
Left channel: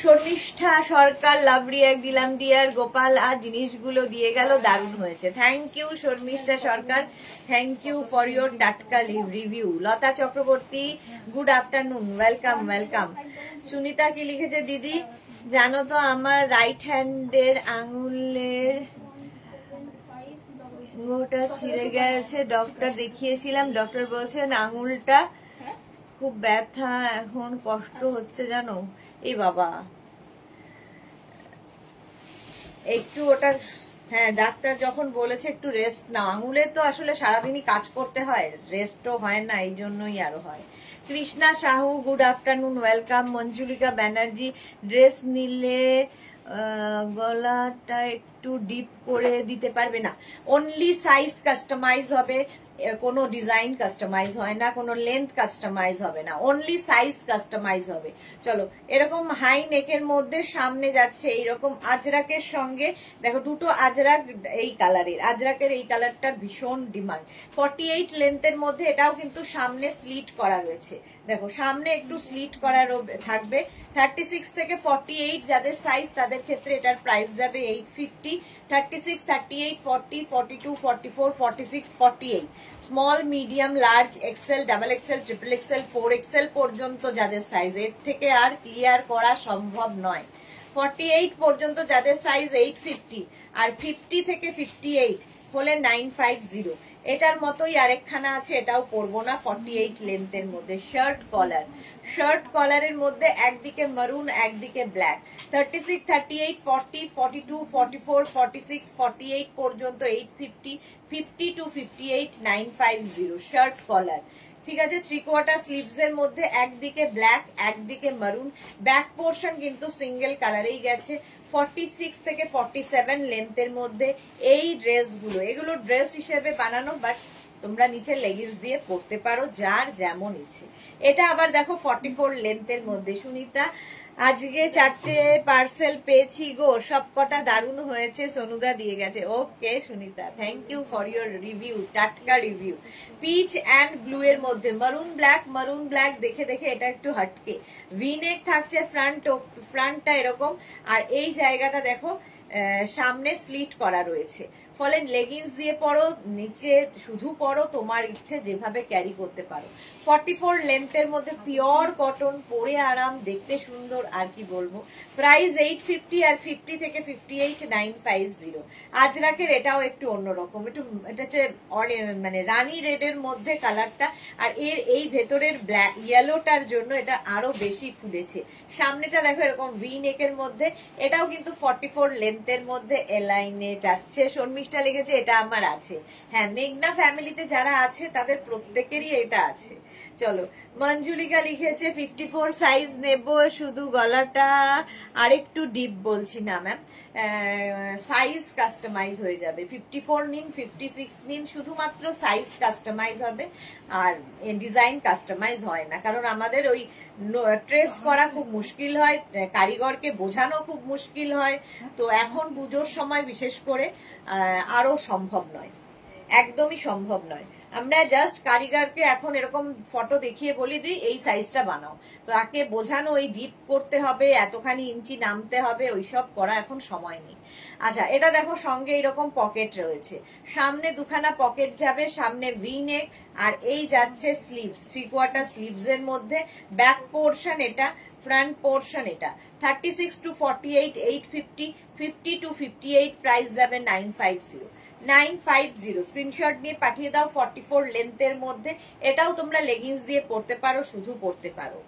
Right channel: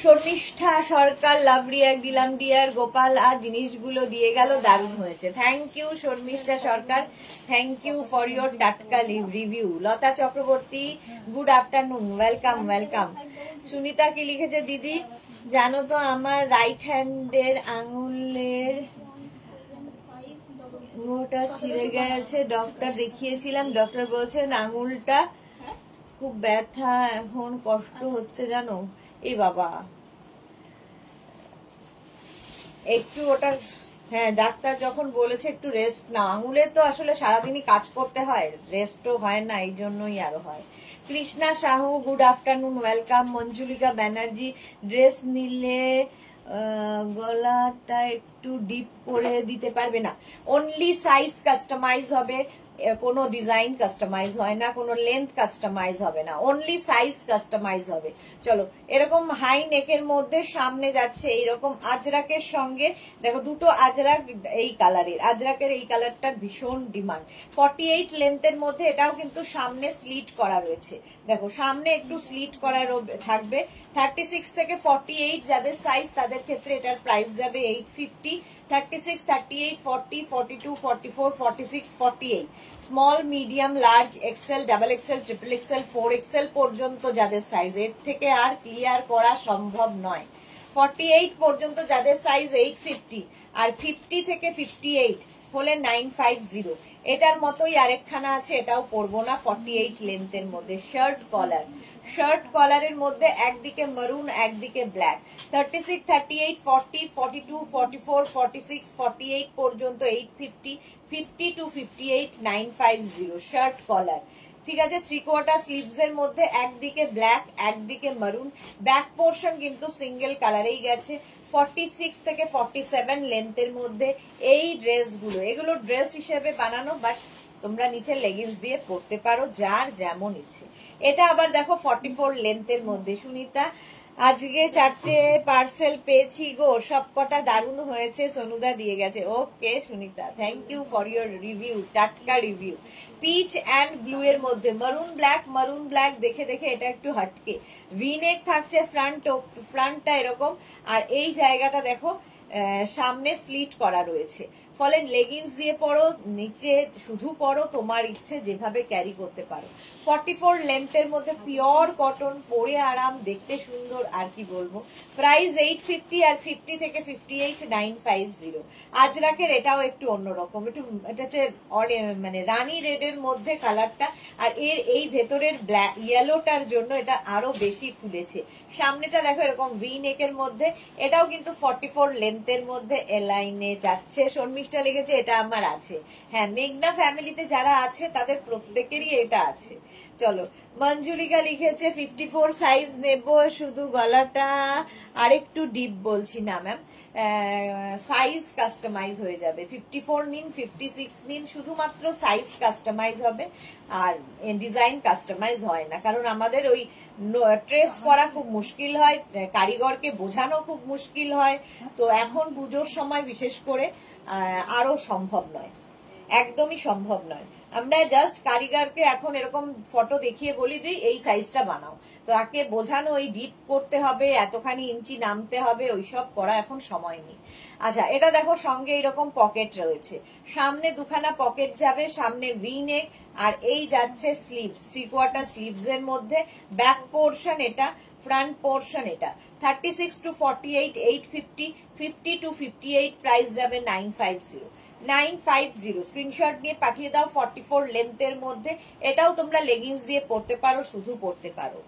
শর্মিষ্ঠা সরকার লাভ রিয়াক্ট দিলাম ডিয়ার, গোপাল আর জিনিসগুলো দিয়ে গেল, দারুণ হয়েছে। Thank you Sharmistha Sarkar, thank you for your টাটকা review. Lata Chakraborty good afternoon, welcome welcome. Sunita কি লিখেছে, দিদি জানো তো আমার রাইট হ্যান্ডের আঙুলের আঙুলটা ছিঁড়ে গেছে, ডক্টর দেখিয়েছিলাম, ডক্টর বলছেন আঙুলটা খুব ব্যথা, এখন কষ্ট হচ্ছে জানো। এই বাবা, একটু ওটা, হ্যাঁ ডাক্তার যখন বলেছে একটু রেস্ট নাও, আঙুলের তো আসলে সারাদিনই কাজ করতে হয়, রেস্টও হয় না, এই জন্যই আরো হয়। Krishna Sahu good afternoon, welcome. Manjulika Banerjee dress নিলে গলাটা একটু ডিপ করে দিতে পারবে না, অনলি সাইজ কাস্টমাইজ হবে, কোনো ডিজাইন কাস্টমাইজ হয় না, কোনো লেন্থ কাস্টমাইজ হবে না, অনলি সাইজ কাস্টমাইজ হবে। চলো, এরকম হাই নেকের মধ্যে সামনে যাচ্ছে এইরকম আজরাকের সঙ্গে, দেখো দুটো আজরাক এই কালারের, আজরাকের এই কালারটার ভীষণ ডিমান্ড। 48 লেন্থের মধ্যে এটাও কিন্তু সামনে স্লিট করা রয়েছে, দেখো সামনে একটু স্লিট করা থাকবে। 36 থেকে 48 যাদের সাইজ তাদের ক্ষেত্রে এটার প্রাইস যাবে 850। 36, 38, 40, 42, 44, 46, 48 small, medium, large, XL, double XL, triple XL, 4XL পর্যন্ত যাদের সাইজ, এর থেকে আর ক্লিয়ার করা সম্ভব নয়। 48 পর্যন্ত যাদের সাইজ 850, আর 50 থেকে 58 হলে 950। এটার মতোই আরেকখানা আছে, এটাও পরবো না, 48 লেন্থের মধ্যে শার্ট কলার, শার্ট কলারের মধ্যে একদিকে মারুন একদিকে ব্ল্যাক। 36, 38, 40, 42, 44, 46, 48 পর্যন্ত 850, 50 to 58 950 শার্ট কলার। ঠিক আছে, 3/4 স্লিভস এর মধ্যে একদিকে ব্ল্যাক একদিকে মারুন, ব্যাক পোর্শন কিন্তু সিঙ্গেল কালারেই গেছে। 46 থেকে 47 লেন্থের মধ্যে এই ড্রেসগুলো, এগুলো ড্রেস হিসেবে বানানো, বাট তোমরা নিচে লেগিংস দিয়ে পরতে পারো যার যেমন ইচ্ছে। এটা আবার দেখো 44 লেন্থের মধ্যে। সুনিতা, আজকে 4টে পার্সেল পেয়েছি গো, সবকটা দারুণ হয়েছে, সোনুদা দিয়ে গেছে। Okay Sunita, thank you for your review, টাটকা রিভিউ। পিচ অ্যান্ড ব্লু এর মধ্যে মারুন ব্ল্যাক, মারুন ব্ল্যাক দেখে দেখে এটা একটু হাটকে। ভিনেক থাকছে, ফ্রন্টটা এরকম, আর এই জায়গাটা দেখো সামনে স্লিট করা রয়েছে, ফলে লেগিংস দিয়ে পরো, নিচে শুধু পরো, তোমার ইচ্ছে যেভাবে ক্যারি করতে পারো। 44 লেন্থের মধ্যে পিওর কটন, পরে আরাম, দেখতে সুন্দর, আর কি বলবো। প্রাইস 850, আর 50 থেকে 58 950। আজরাকের এটাও একটু অন্যরকম, একটু এটা হচ্ছে মানে রানী রেডের মধ্যে কালারটা, আর এর এই ভেতরের ব্ল্যাক ইয়েলোটার জন্য এটা আরো বেশি ফুলেছে। সামনেটা দেখো এরকম ভি নেকের মধ্যে, এটাও কিন্তু 44 লেন্থের মধ্যে এলাইনে যাচ্ছে। শর্মিষ্ঠা লিখেছে এটা আমার আছে, হ্যাঁ মেঘনা ফ্যামিলিতে যারা আছে তাদের প্রত্যেকেরই এটা আছে। চলো, মঞ্জুলিকা লিখেছে 54 সাইজ নেব, শুধু গলাটা আরেকটু ডিপ, বলছি না ম্যাম, সাইজ কাস্টমাইজ হয়ে যাবে। 54 নিন, 56 নিন, শুধুমাত্র সাইজ কাস্টমাইজ হবে, আর ডিজাইন কাস্টমাইজ হয় না, কারণ আমাদের ওই ট্রেস করা খুব মুশকিল হয়, কারিগরকে বোঝানো খুব মুশকিল হয়। তো এখন পুজোর সময় বিশেষ করে আরো সম্ভব নয়, একদমই সম্ভব নয়। আমরা জাস্ট কারিগরকে এখন এরকম ফটো দেখিয়ে বলি দিই এই সাইজটা বানাও, তো তাকে বোঝানো ওই ডিপ করতে হবে, এতখানি ইঞ্চি নামতে হবে, ওইসব করা এখন সময় নেই। আচ্ছা, এটা দেখো সঙ্গে এরকম পকেট রয়েছে, সামনে দুখানা পকেট যাবে, সামনে ভি নেক, আর এই যাচ্ছে স্লিভস, 3/4 স্লিভস এর মধ্যে। ব্যাক পোর্শন এটা, ফ্রন্ট পোর্শন এটা। 36 to 48 850, 50 to 58 প্রাইস যাবে 950। 950 স্ক্রিনশট নিয়ে পাঠিয়ে দাও। 44 লেন্থের মধ্যে, এটাও তোমরা লেগিংস দিয়ে পরতে পারো, শুধু পরতে পারো।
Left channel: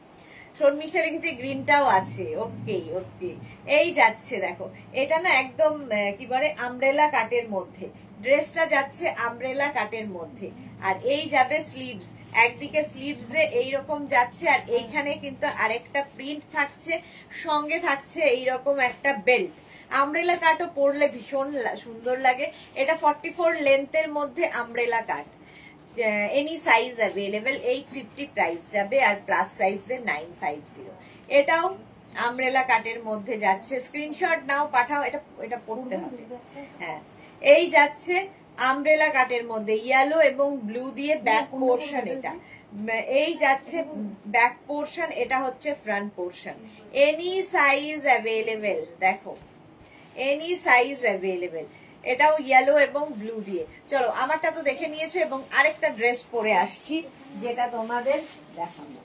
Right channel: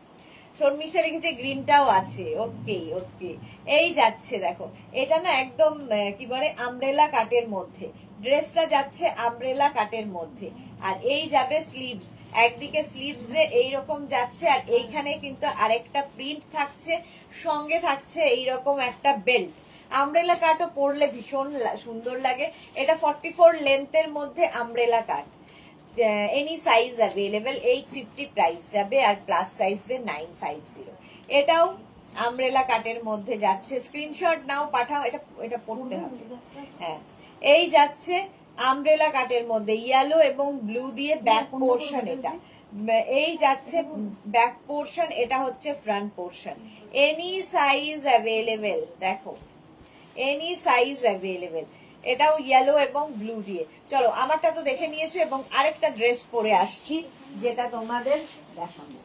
শর্মিষ্ঠা লিখেছে গ্রিনটাও আছে, ওকে ওকে। এই যাচ্ছে দেখো, এটা না একদম কি বলে আমব্রেলা কাটের মধ্যে, ড্রেসটা যাচ্ছে আমব্রেলা কাটের মধ্যে, আর এই যাবে স্লিভস, একদিকে স্লিভস এইরকম যাচ্ছে, আর এইখানে কিন্তু আরেকটা প্রিন্ট থাকছে, সঙ্গে থাকছে এইরকম একটা বেল্ট। আমব্রেলা কাটও পরলে ভীষণ সুন্দর লাগে। এটা 44 লেন্থের মধ্যে আমব্রেলা কাট, এনি সাইজ অ্যাভেলেবেল, 850 প্রাইস যাবে, আর প্লাস সাইজদের 950। এটাও আমব্রেলা কাটের মধ্যে যাচ্ছে, স্ক্রিনশট নাও, পাঠাও, এটা পড়তে হবে। হ্যাঁ, এই যাচ্ছে আমব্রেলা কাটের মধ্যে, ইয়েলো এবং ব্লু দিয়ে ব্যাক পোর্শন, এটা এই যাচ্ছে ব্যাক পোর্শন, এটা হচ্ছে front portion. Any size available, দেখো এনি সাইজ অ্যাভেলেবেল। এটাও ইয়েলো এবং ব্লু দিয়ে। চলো, আমারটা তো দেখে নিয়েছো, এবং আরেকটা ড্রেস পরে আসছি যেটা তোমাদের দেখাবো।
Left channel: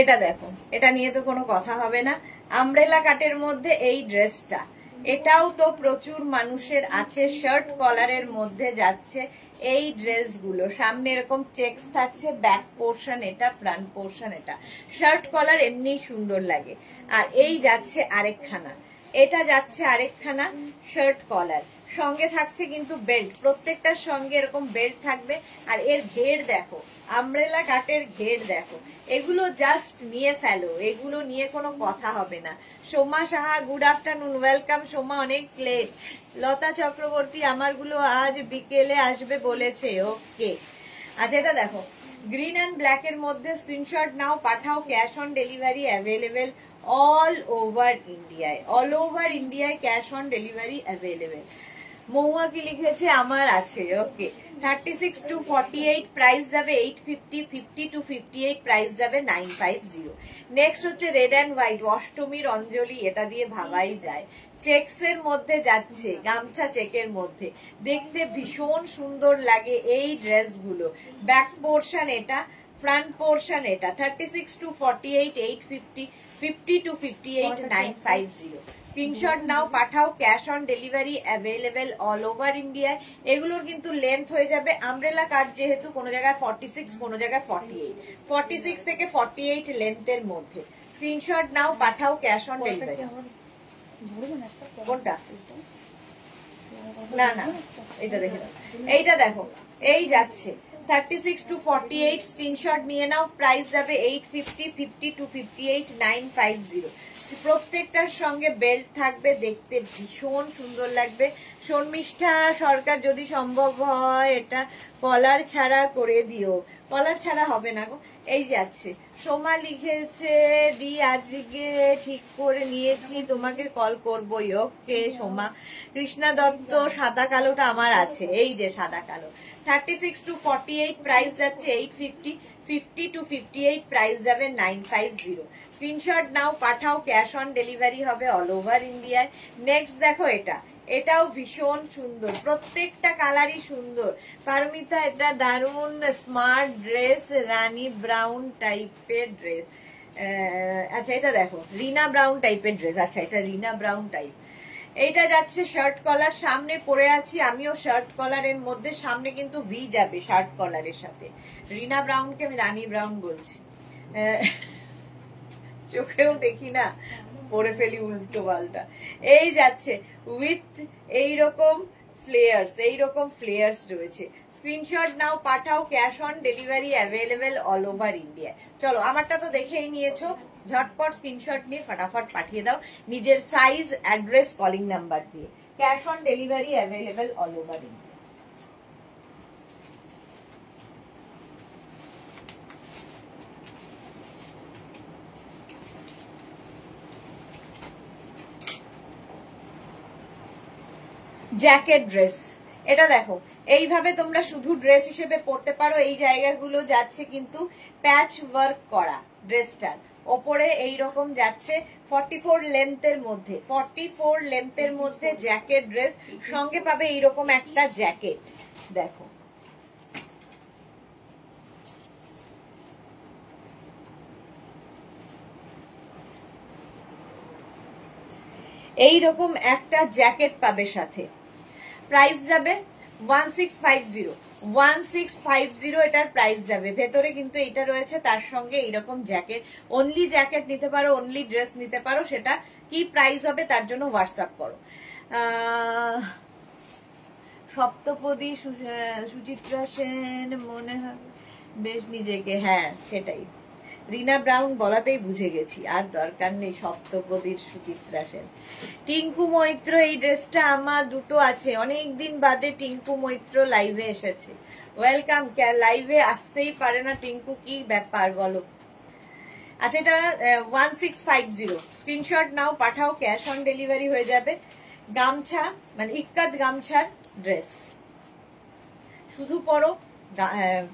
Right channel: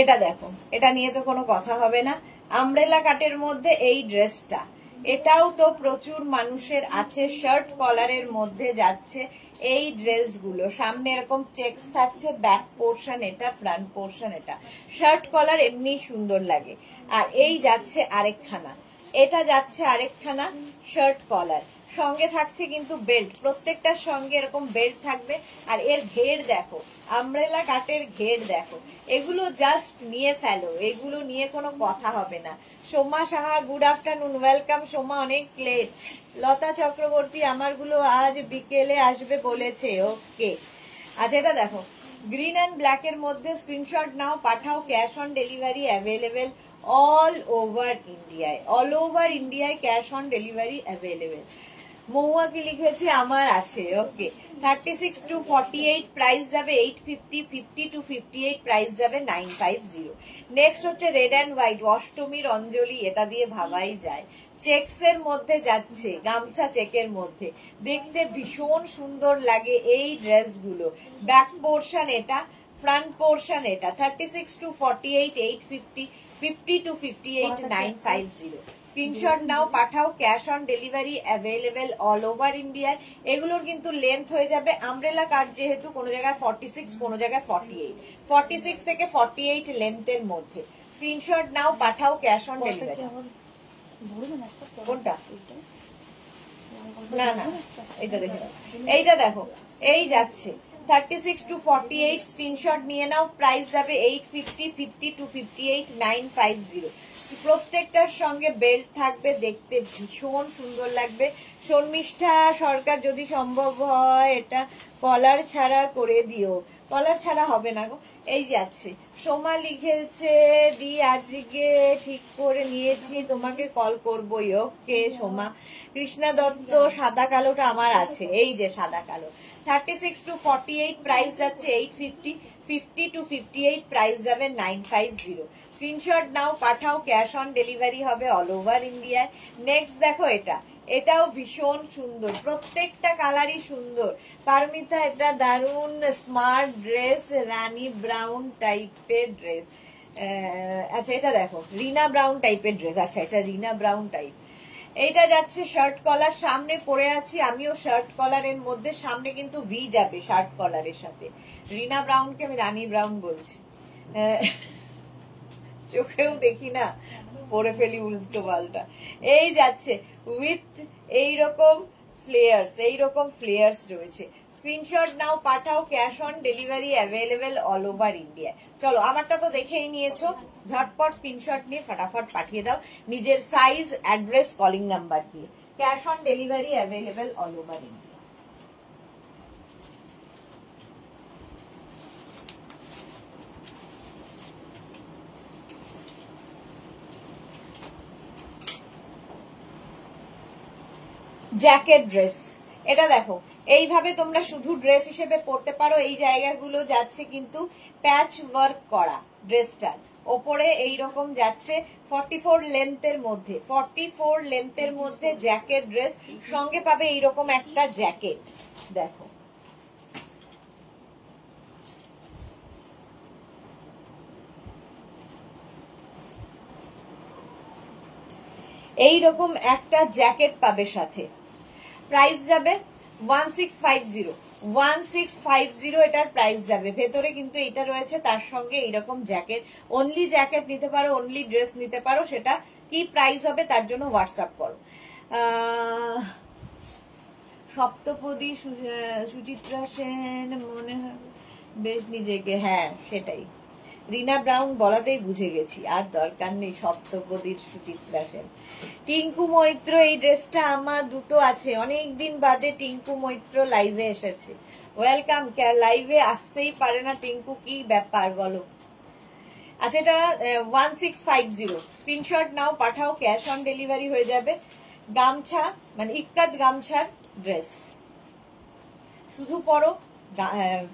এটা দেখো, এটা নিয়ে তো কোনো কথা হবে না, আমব্রেলা কাটের মধ্যে এই ড্রেসটা, এটাও তো প্রচুর মানুষের আছে, শার্ট কলারের মধ্যে যাচ্ছে, এই ড্রেসগুলো সামনে এরকম চেকস থাকছে, ব্যাক পোর্শন এটা, ফ্রন্ট পোর্শন এটা, শার্ট কলার এমনি সুন্দর লাগে। আর এই যাচ্ছে আরেকখানা, এটা যাচ্ছে আরেকখানা শার্ট কলার, সঙ্গে থাকছে কিন্তু বেল্ট, প্রত্যেকটার সঙ্গে এরকম বেল্ট থাকবে। আর এর ঘের দেখো, আমব্রেলা কাটের ঘের দেখো, এগুলো জাস্ট নিয়ে ফেলো, এগুলো নিয়ে কোনো কথা হবে না। Soma Saha, good afternoon, welcome Soma, অনেক লেট। লতা চক্রবর্তী, আমারগুলো আজ বিকেলে আসবে বলেছে, ওকে। আচ্ছা এটা দেখো, গ্রিন অ্যান্ড ব্ল্যাক এর মধ্যে, স্ক্রিনশট নাও, পাঠাও, cash on delivery available all over ইন্ডিয়ায়, অল ওভার ইন্ডিয়ায় ক্যাশ অন ডেলিভারি অ্যাভেলেবেল। মহুয়া কি লিখেছে, আমার আছে, ওকে। 36 to 48 প্রাইস যাবে 850, 50 to 58 প্রাইস যাবে 950। নেক্সট হচ্ছে রেড অ্যান্ড হোয়াইট, অষ্টমীর অঞ্জলি, এটা দিয়ে ভাবাই যায়। চেকস এর মধ্যে যাচ্ছে, গামছা চেকের মধ্যে, দেখতে ভীষণ সুন্দর লাগে এই ড্রেসগুলো। ব্যাক পোর্শন এটা, ফ্রন্ট পোর্শন এটা। 36 to 48 850, 50 to 58 950। স্ক্রিনশট নাও, পাঠাও, cash on delivery available all over ইন্ডিয়ায়। এগুলোর কিন্তু লেন্থ হয়ে যাবে আমব্রেলা কাট, যেহেতু কোনো জায়গায় 46, কোনো জায়গায় 48, 46 থেকে 48 লেন্থের মধ্যে। স্ক্রিনশট নাও, পাঠাও, ক্যাশ অন ডেলিভারি। কোনটা? না না, এটা দেখে নাও, এইটা দেখো, এই যাচ্ছে 36 to 48, স্ক্রিনশট নিয়ে নাও, প্রাইস যাবে 850, 50 to 58 950। প্রত্যেকটার সঙ্গে বেল্ট থাকবে, দেখতে ভীষণ সুন্দর লাগবে। শর্মিষ্ঠা সরকার, যদি সম্ভব হয় এটা কলার ছাড়া করে দিও। কলার ছাড়া হবে না গো, এই যাচ্ছে। সোমা লিখেছে, দি আজকে ঠিক করে নিয়েছি, তোমাকে কল করবোই, ওকে সোমা। কৃষ্ণা দত্ত, সাদা কালোটা আমার আছে, এই যে সাদা কালো। 36 to 48 প্রাইস যাচ্ছে 850, 50 to 58 প্রাইস যাবে 950। স্ক্রিনশট নাও, পাঠাও, ক্যাশ অন ডেলিভারি হবে অল ওভার ইন্ডিয়ায়। নেক্সট দেখো এটা, এটাও ভীষণ সুন্দর, প্রত্যেকটা কালারই সুন্দর। পারমিতা, এটা দারুন স্মার্ট ড্রেস, রানী ব্রাউন টাইপের ড্রেস। আচ্ছা এটা দেখো, রিনা ব্রাউন টাইপের ড্রেস, আচ্ছা এটা রিনা ব্রাউন টাইপ। এইটা যাচ্ছে শার্ট কলার, সামনে পরে আছি আমিও শার্ট কলারের মধ্যে, সামনে কিন্তু ভি যাবে শার্ট কলারের সাথে। রিনা ব্রাউনকে আমি রানী ব্রাউন বলছি, চোখেও দেখি না, পরে ফেলি উল্টো পাল্টা। এই যাচ্ছে উইথ এইরকম ফ্লেয়ার্স, এইরকম ফ্লেয়ার্স রয়েছে। স্ক্রিনশট নাও, পাঠাও, cash on delivery available all over India. চলো, আমারটা তো দেখেই নিয়েছো, ঝটপট স্ক্রিনশট নিয়ে ফটাফট পাঠিয়ে দাও নিজের সাইজ, অ্যাড্রেস, কলিং নাম্বার দিয়ে। Cash on delivery available all over India. Jacket dress, এটা দেখো, এইভাবে তোমরা শুধু ড্রেস হিসেবে পরতে পারো। এই জায়গাগুলো যাচ্ছে কিন্তু প্যাচ ওয়ার্ক করা, ড্রেসটার ওপরে এইরকম যাচ্ছে 44 লেন্থের মধ্যে, 44 লেন্থের মধ্যে জ্যাকেট ড্রেস, সঙ্গে পাবে এইরকম একটা জ্যাকেট। দেখো এইরকম একটা জ্যাকেট পাবে সাথে। প্রাইস যাবে 1650, 1650 এটার প্রাইস যাবে। ভেতরে কিন্তু এটা রয়েছে, তার সঙ্গে এইরকম জ্যাকেট। অনলি জ্যাকেট নিতে পারো, অনলি ড্রেস নিতে পারো, সেটা কি প্রাইস হবে তার জন্য হোয়াটসঅ্যাপ করো। সপ্তপদী, সুচিত্রা সেন মনে হয় বেশ নিজেকে, হ্যাঁ সেটাই, রিনা ব্রাউন বলাতেই বুঝে গেছি, আর দরকার নেই সপ্তপদীর সুচিত্রা সেন। টিঙ্কু মৈত্র, এই ড্রেসটা আমার দুটো আছে, অনেকদিন বাদে টিঙ্কু মৈত্র লাইভে এসেছে, ওয়েলকাম। লাইভে আসতেই পারে না টিঙ্কু, কি ব্যাপার বলো। আচ্ছা এটা 1650, স্ক্রিনশট নাও, পাঠাও, ক্যাশ অন ডেলিভারি হয়ে যাবে। গামছা, মানে ইক্কাত গামছার ড্রেস, শুধু পরো,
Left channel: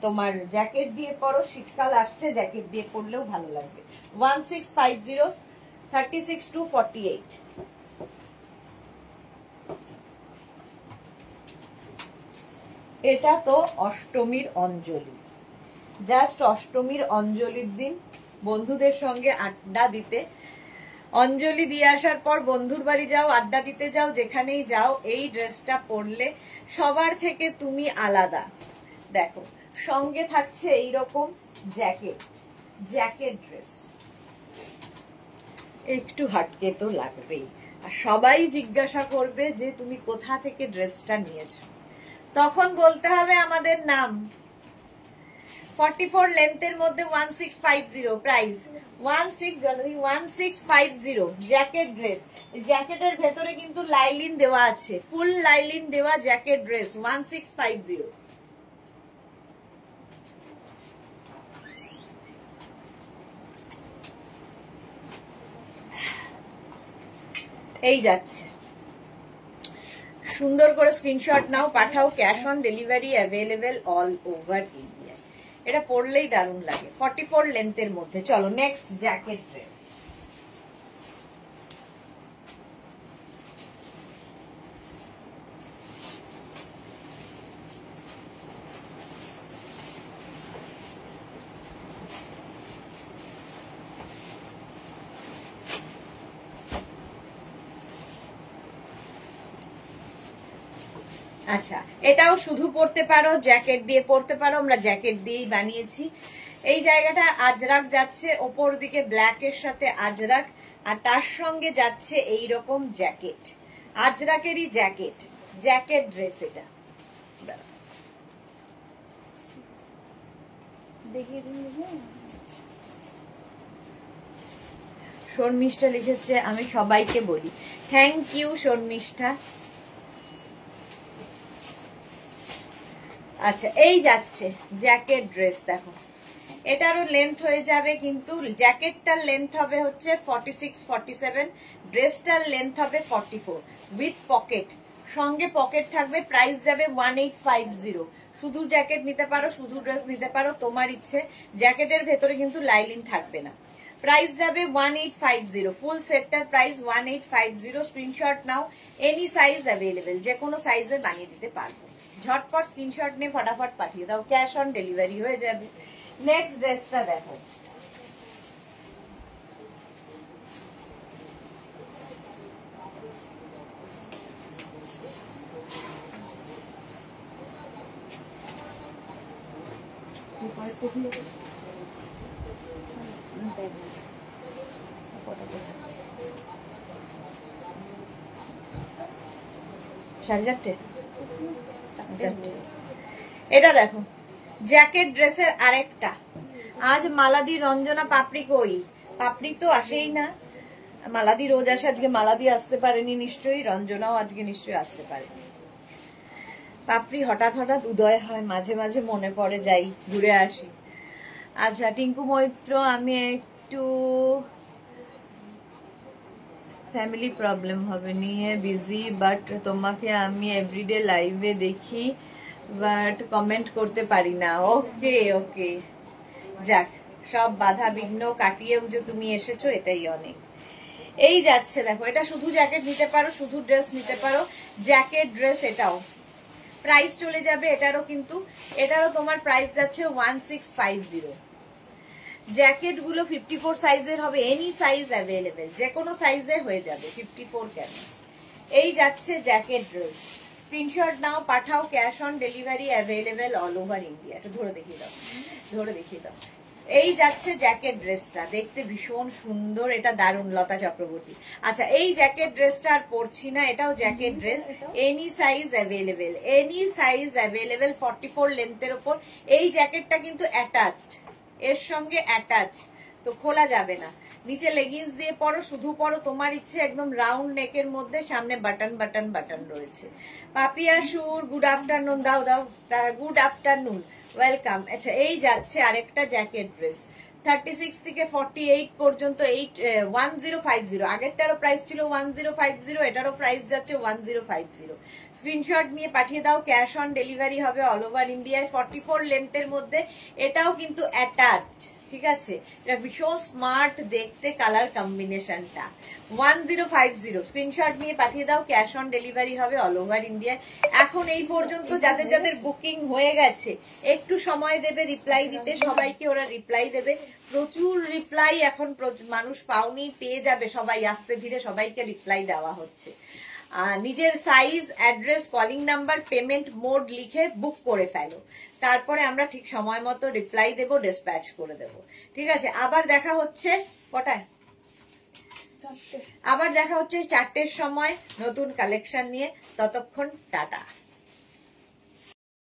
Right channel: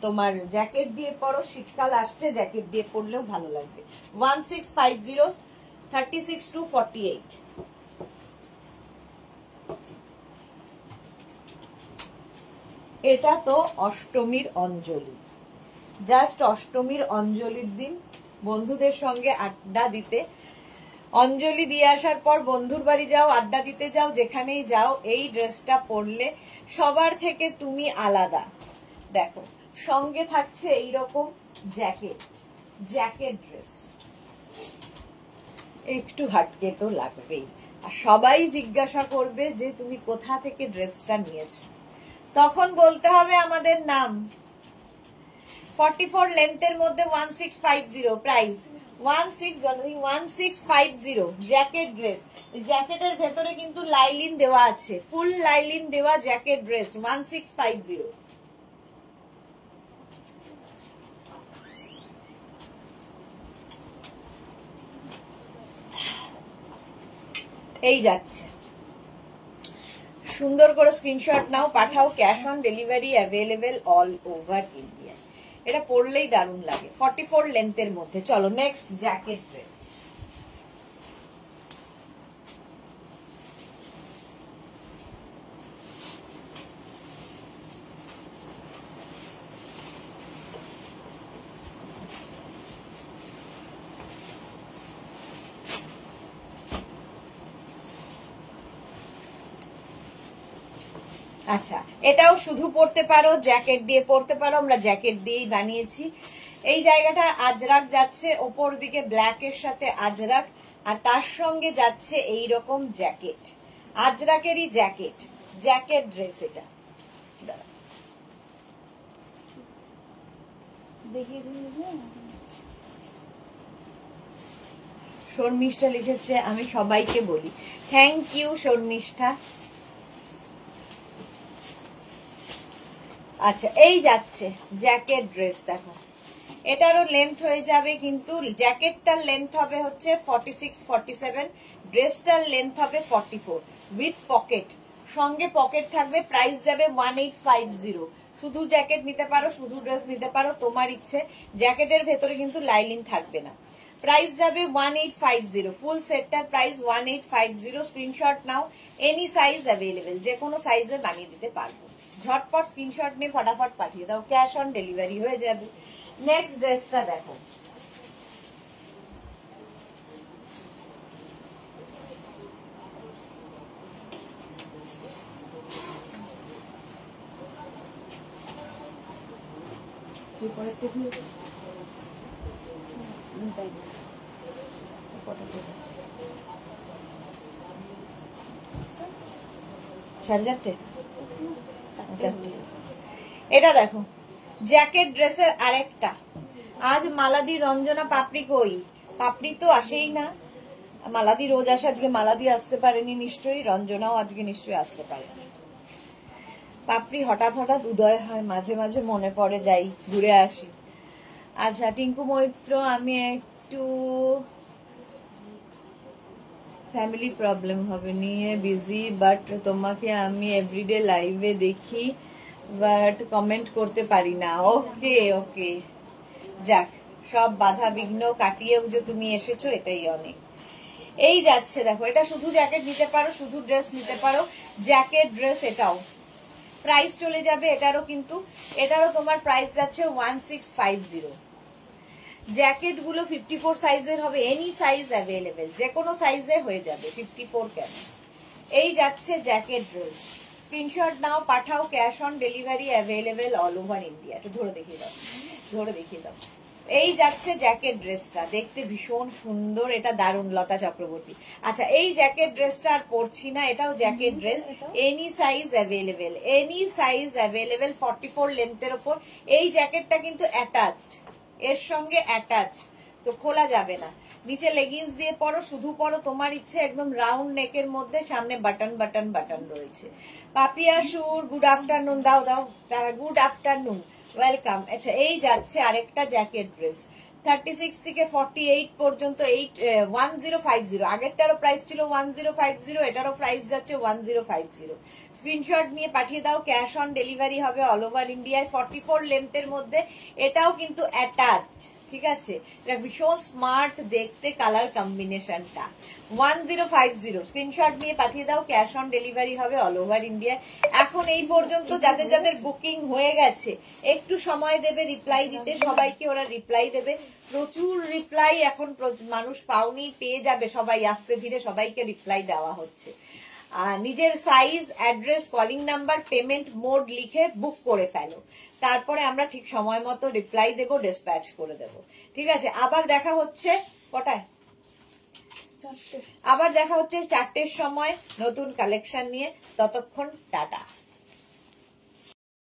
তোমার জ্যাকেট দিয়ে পরো, শীতকাল আসছে, জ্যাকেট দিয়ে পরলেও ভালো লাগবে। 1650, 36 to 48। এটা তো অষ্টমীর অঞ্জলি, জাস্ট অষ্টমীর অঞ্জলির দিন বন্ধুদের সঙ্গে আড্ডা দিতে অঞ্জলি দিয়ে আসার পর বন্ধুর বাড়ি যাও, আড্ডা দিতে যাও, যেখানেই যাও, এই ড্রেসটা পরলে সবার থেকে তুমি আলাদা। দেখো সঙ্গে থাকছে এইরকম জ্যাকেট, জ্যাকেট ড্রেস, একটু হাটকে তো লাগবেই। আর সবাই জিজ্ঞাসা করবে যে তুমি কোথা থেকে ড্রেসটা নিয়েছো, তখন বলতে হবে আমাদের নাম। 44 লেন্থের মধ্যে 1650 প্রাইস, 1650 জ্যাকেট ড্রেস। জ্যাকেটের ভেতরে কিন্তু লাইলিন দেওয়া আছে, ফুল লাইলিন দেওয়া জ্যাকেট ড্রেস 1650। এই যাচ্ছে, সুন্দর করে স্ক্রিনশট নাও, পাঠাও, cash on delivery available all over India. এটা পরলেই দারুণ লাগে, 44 লেন্থের মধ্যে। চলো নেক্সট জ্যাকেট ড্রেস। আচ্ছা, এটাও শুধু পরতে পারো, জ্যাকেট দিয়ে পরতে পারো, আমরা জ্যাকেট দিয়েই বানিয়েছি। এই জায়গাটা আজরাক যাচ্ছে, ওপর দিকে ব্ল্যাক এর সাথে আজরাক, আর তার সঙ্গে যাচ্ছে এই রকম জ্যাকেট, আজরাকেরই জ্যাকেট, জ্যাকেট ড্রেস। এটা দেখিয়ে দিন। শর্মিষ্ঠা লিখেছে, আমি সবাইকে বলি। Thank you Sharmistha. আচ্ছা, এই যাচ্ছে জ্যাকেট ড্রেস। দেখো এটারও লেন্থ হয়ে যাবে, কিন্তু জ্যাকেটটার লেন্থ হবে হচ্ছে 46-47, ড্রেসটার লেন্থ হবে 44 উইথ পকেট, সঙ্গে পকেট থাকবে। প্রাইস যাবে 1850। শুধু জ্যাকেট নিতে পারো, শুধু ড্রেস নিতে পারো, তোমার ইচ্ছে। জ্যাকেটের ভেতরে কিন্তু লাইলিন থাকবে না। প্রাইস যাবে 1850, ফুল সেটটার প্রাইস 1850। স্ক্রিনশট নাও, এনি সাইজ অ্যাভেলেবেল, যে কোনো সাইজে বানিয়ে দিতে পারবো। ঝটপট স্ক্রিনশট নিয়ে ফটাফট পাঠিয়ে দাও, ক্যাশ অন ডেলিভারি হয়ে যাবে। নেক্সট ড্রেসটা দেখো, এটা দেখো জ্যাকেট ড্রেসের আরেকটা। আজ মালাদি রঞ্জনা পাপড়ি কই? পাপড়ি তো আসেই না, মালাদি রোজ আসে, আজকে মালাদি আসতে পারেনি নিশ্চয়ই, রঞ্জনাও আজকে নিশ্চয়ই আসতে পারেনি। পাপড়ি হঠাৎ হঠাৎ উদয় হয়, মাঝে মাঝে মনে পড়ে, যাই ঘুরে আসি। আচ্ছা টিঙ্কু মৈত্র, আমি একটু ফ্যামিলি প্রবলেম হবে নিয়ে বিজি, বাট তোমাকে আমি এভরিডে লাইভে দেখি, বাট কমেন্ট করতে পারি না। ওকে ওকে, যাক, সব বাধা বিঘ্ন কাটিয়েও যে তুমি এসেছো এটাই অনেক। এই যাচ্ছে দেখো, এটা শুধু জ্যাকেট নিতে পারো, শুধু ড্রেস নিতে পারো, জ্যাকেট ড্রেস। এটাও প্রাইস চলে যাবে, এটারও কিন্তু, এটারও তোমার প্রাইস যাচ্ছে 1650। জ্যাকেট গুলো 54 সাইজের হবে, এনি সাইজ অ্যাভেলেবেল, যে কোনো সাইজে হয়ে যাবে, 54 কেন। এই যাচ্ছে জ্যাকেট ড্রেস, স্ক্রিনশট নাও, পাঠাও, cash on delivery available all over India. একটু ধরে দেখিয়ে দাও, ধরে দেখিয়ে দাও। এই যাচ্ছে জ্যাকেট ড্রেসটা, দেখতে ভীষণ সুন্দর, এটা দারুণ, লতা চক্রবর্তী। আচ্ছা, এই জ্যাকেট ড্রেসটা আর পরছি না, এটাও jacket dress, any size available, any size available, 44 লেন্থের ওপর। এই জ্যাকেটটা কিন্তু অ্যাটাচড, এর সঙ্গে অ্যাটাচ, তো খোলা যাবে না। নিচে লেগিংস দিয়ে পরো, শুধু পরো, তোমার ইচ্ছে। একদম রাউন্ড নেকের মধ্যে, সামনে বাটন বাটন বাটন রয়েছে। পাপিয়া সুর, গুড আফটারনুন, দাও দাও, গুড আফটারনুন, ওয়েলকাম। আচ্ছা, এই যাচ্ছে আরেকটা জ্যাকেট ড্রেস, 36 থেকে 48 পর্যন্ত, 1050। আগেরটারও প্রাইস ছিল 1050, এটারও প্রাইস যাচ্ছে 1050। স্ক্রিনশট নিয়ে পাঠিয়ে দাও, ক্যাশ অন ডেলিভারি হবে অল ওভার ইন্ডিয়ায়, 44 লেন্থের মধ্যে। এটাও কিন্তু অ্যাটাচ, ঠিক আছে, এটা ভীষণ স্মার্ট দেখতে কালার কম্বিনেশনটা। 1050 স্ক্রিনশট নিয়ে পাঠিয়ে দাও, ক্যাশ অন ডেলিভারি হবে অল ওভার ইন্ডিয়া। এখন এই পর্যন্ত যাদের যাদের বুকিং হয়ে গেছে একটু সময় দেবে রিপ্লাই দিতে, সবাইকে ওরা রিপ্লাই দেবে। প্রচুর রিপ্লাই এখন মানুষ পাওনি, পেয়ে যাবে সবাই, আস্তে ধীরে সবাইকে রিপ্লাই দেওয়া হচ্ছে। নিজের size, address, calling number, payment mode লিখে বুক করে ফেলো, তারপরে আমরা ঠিক সময় মতো রিপ্লাই দেবো, ডিসপ্যাচ করে দেবো। ঠিক আছে, আবার দেখা হচ্ছে কটায়? আবার দেখা হচ্ছে 4টের সময় নতুন কালেকশন নিয়ে। ততক্ষণ টাটা।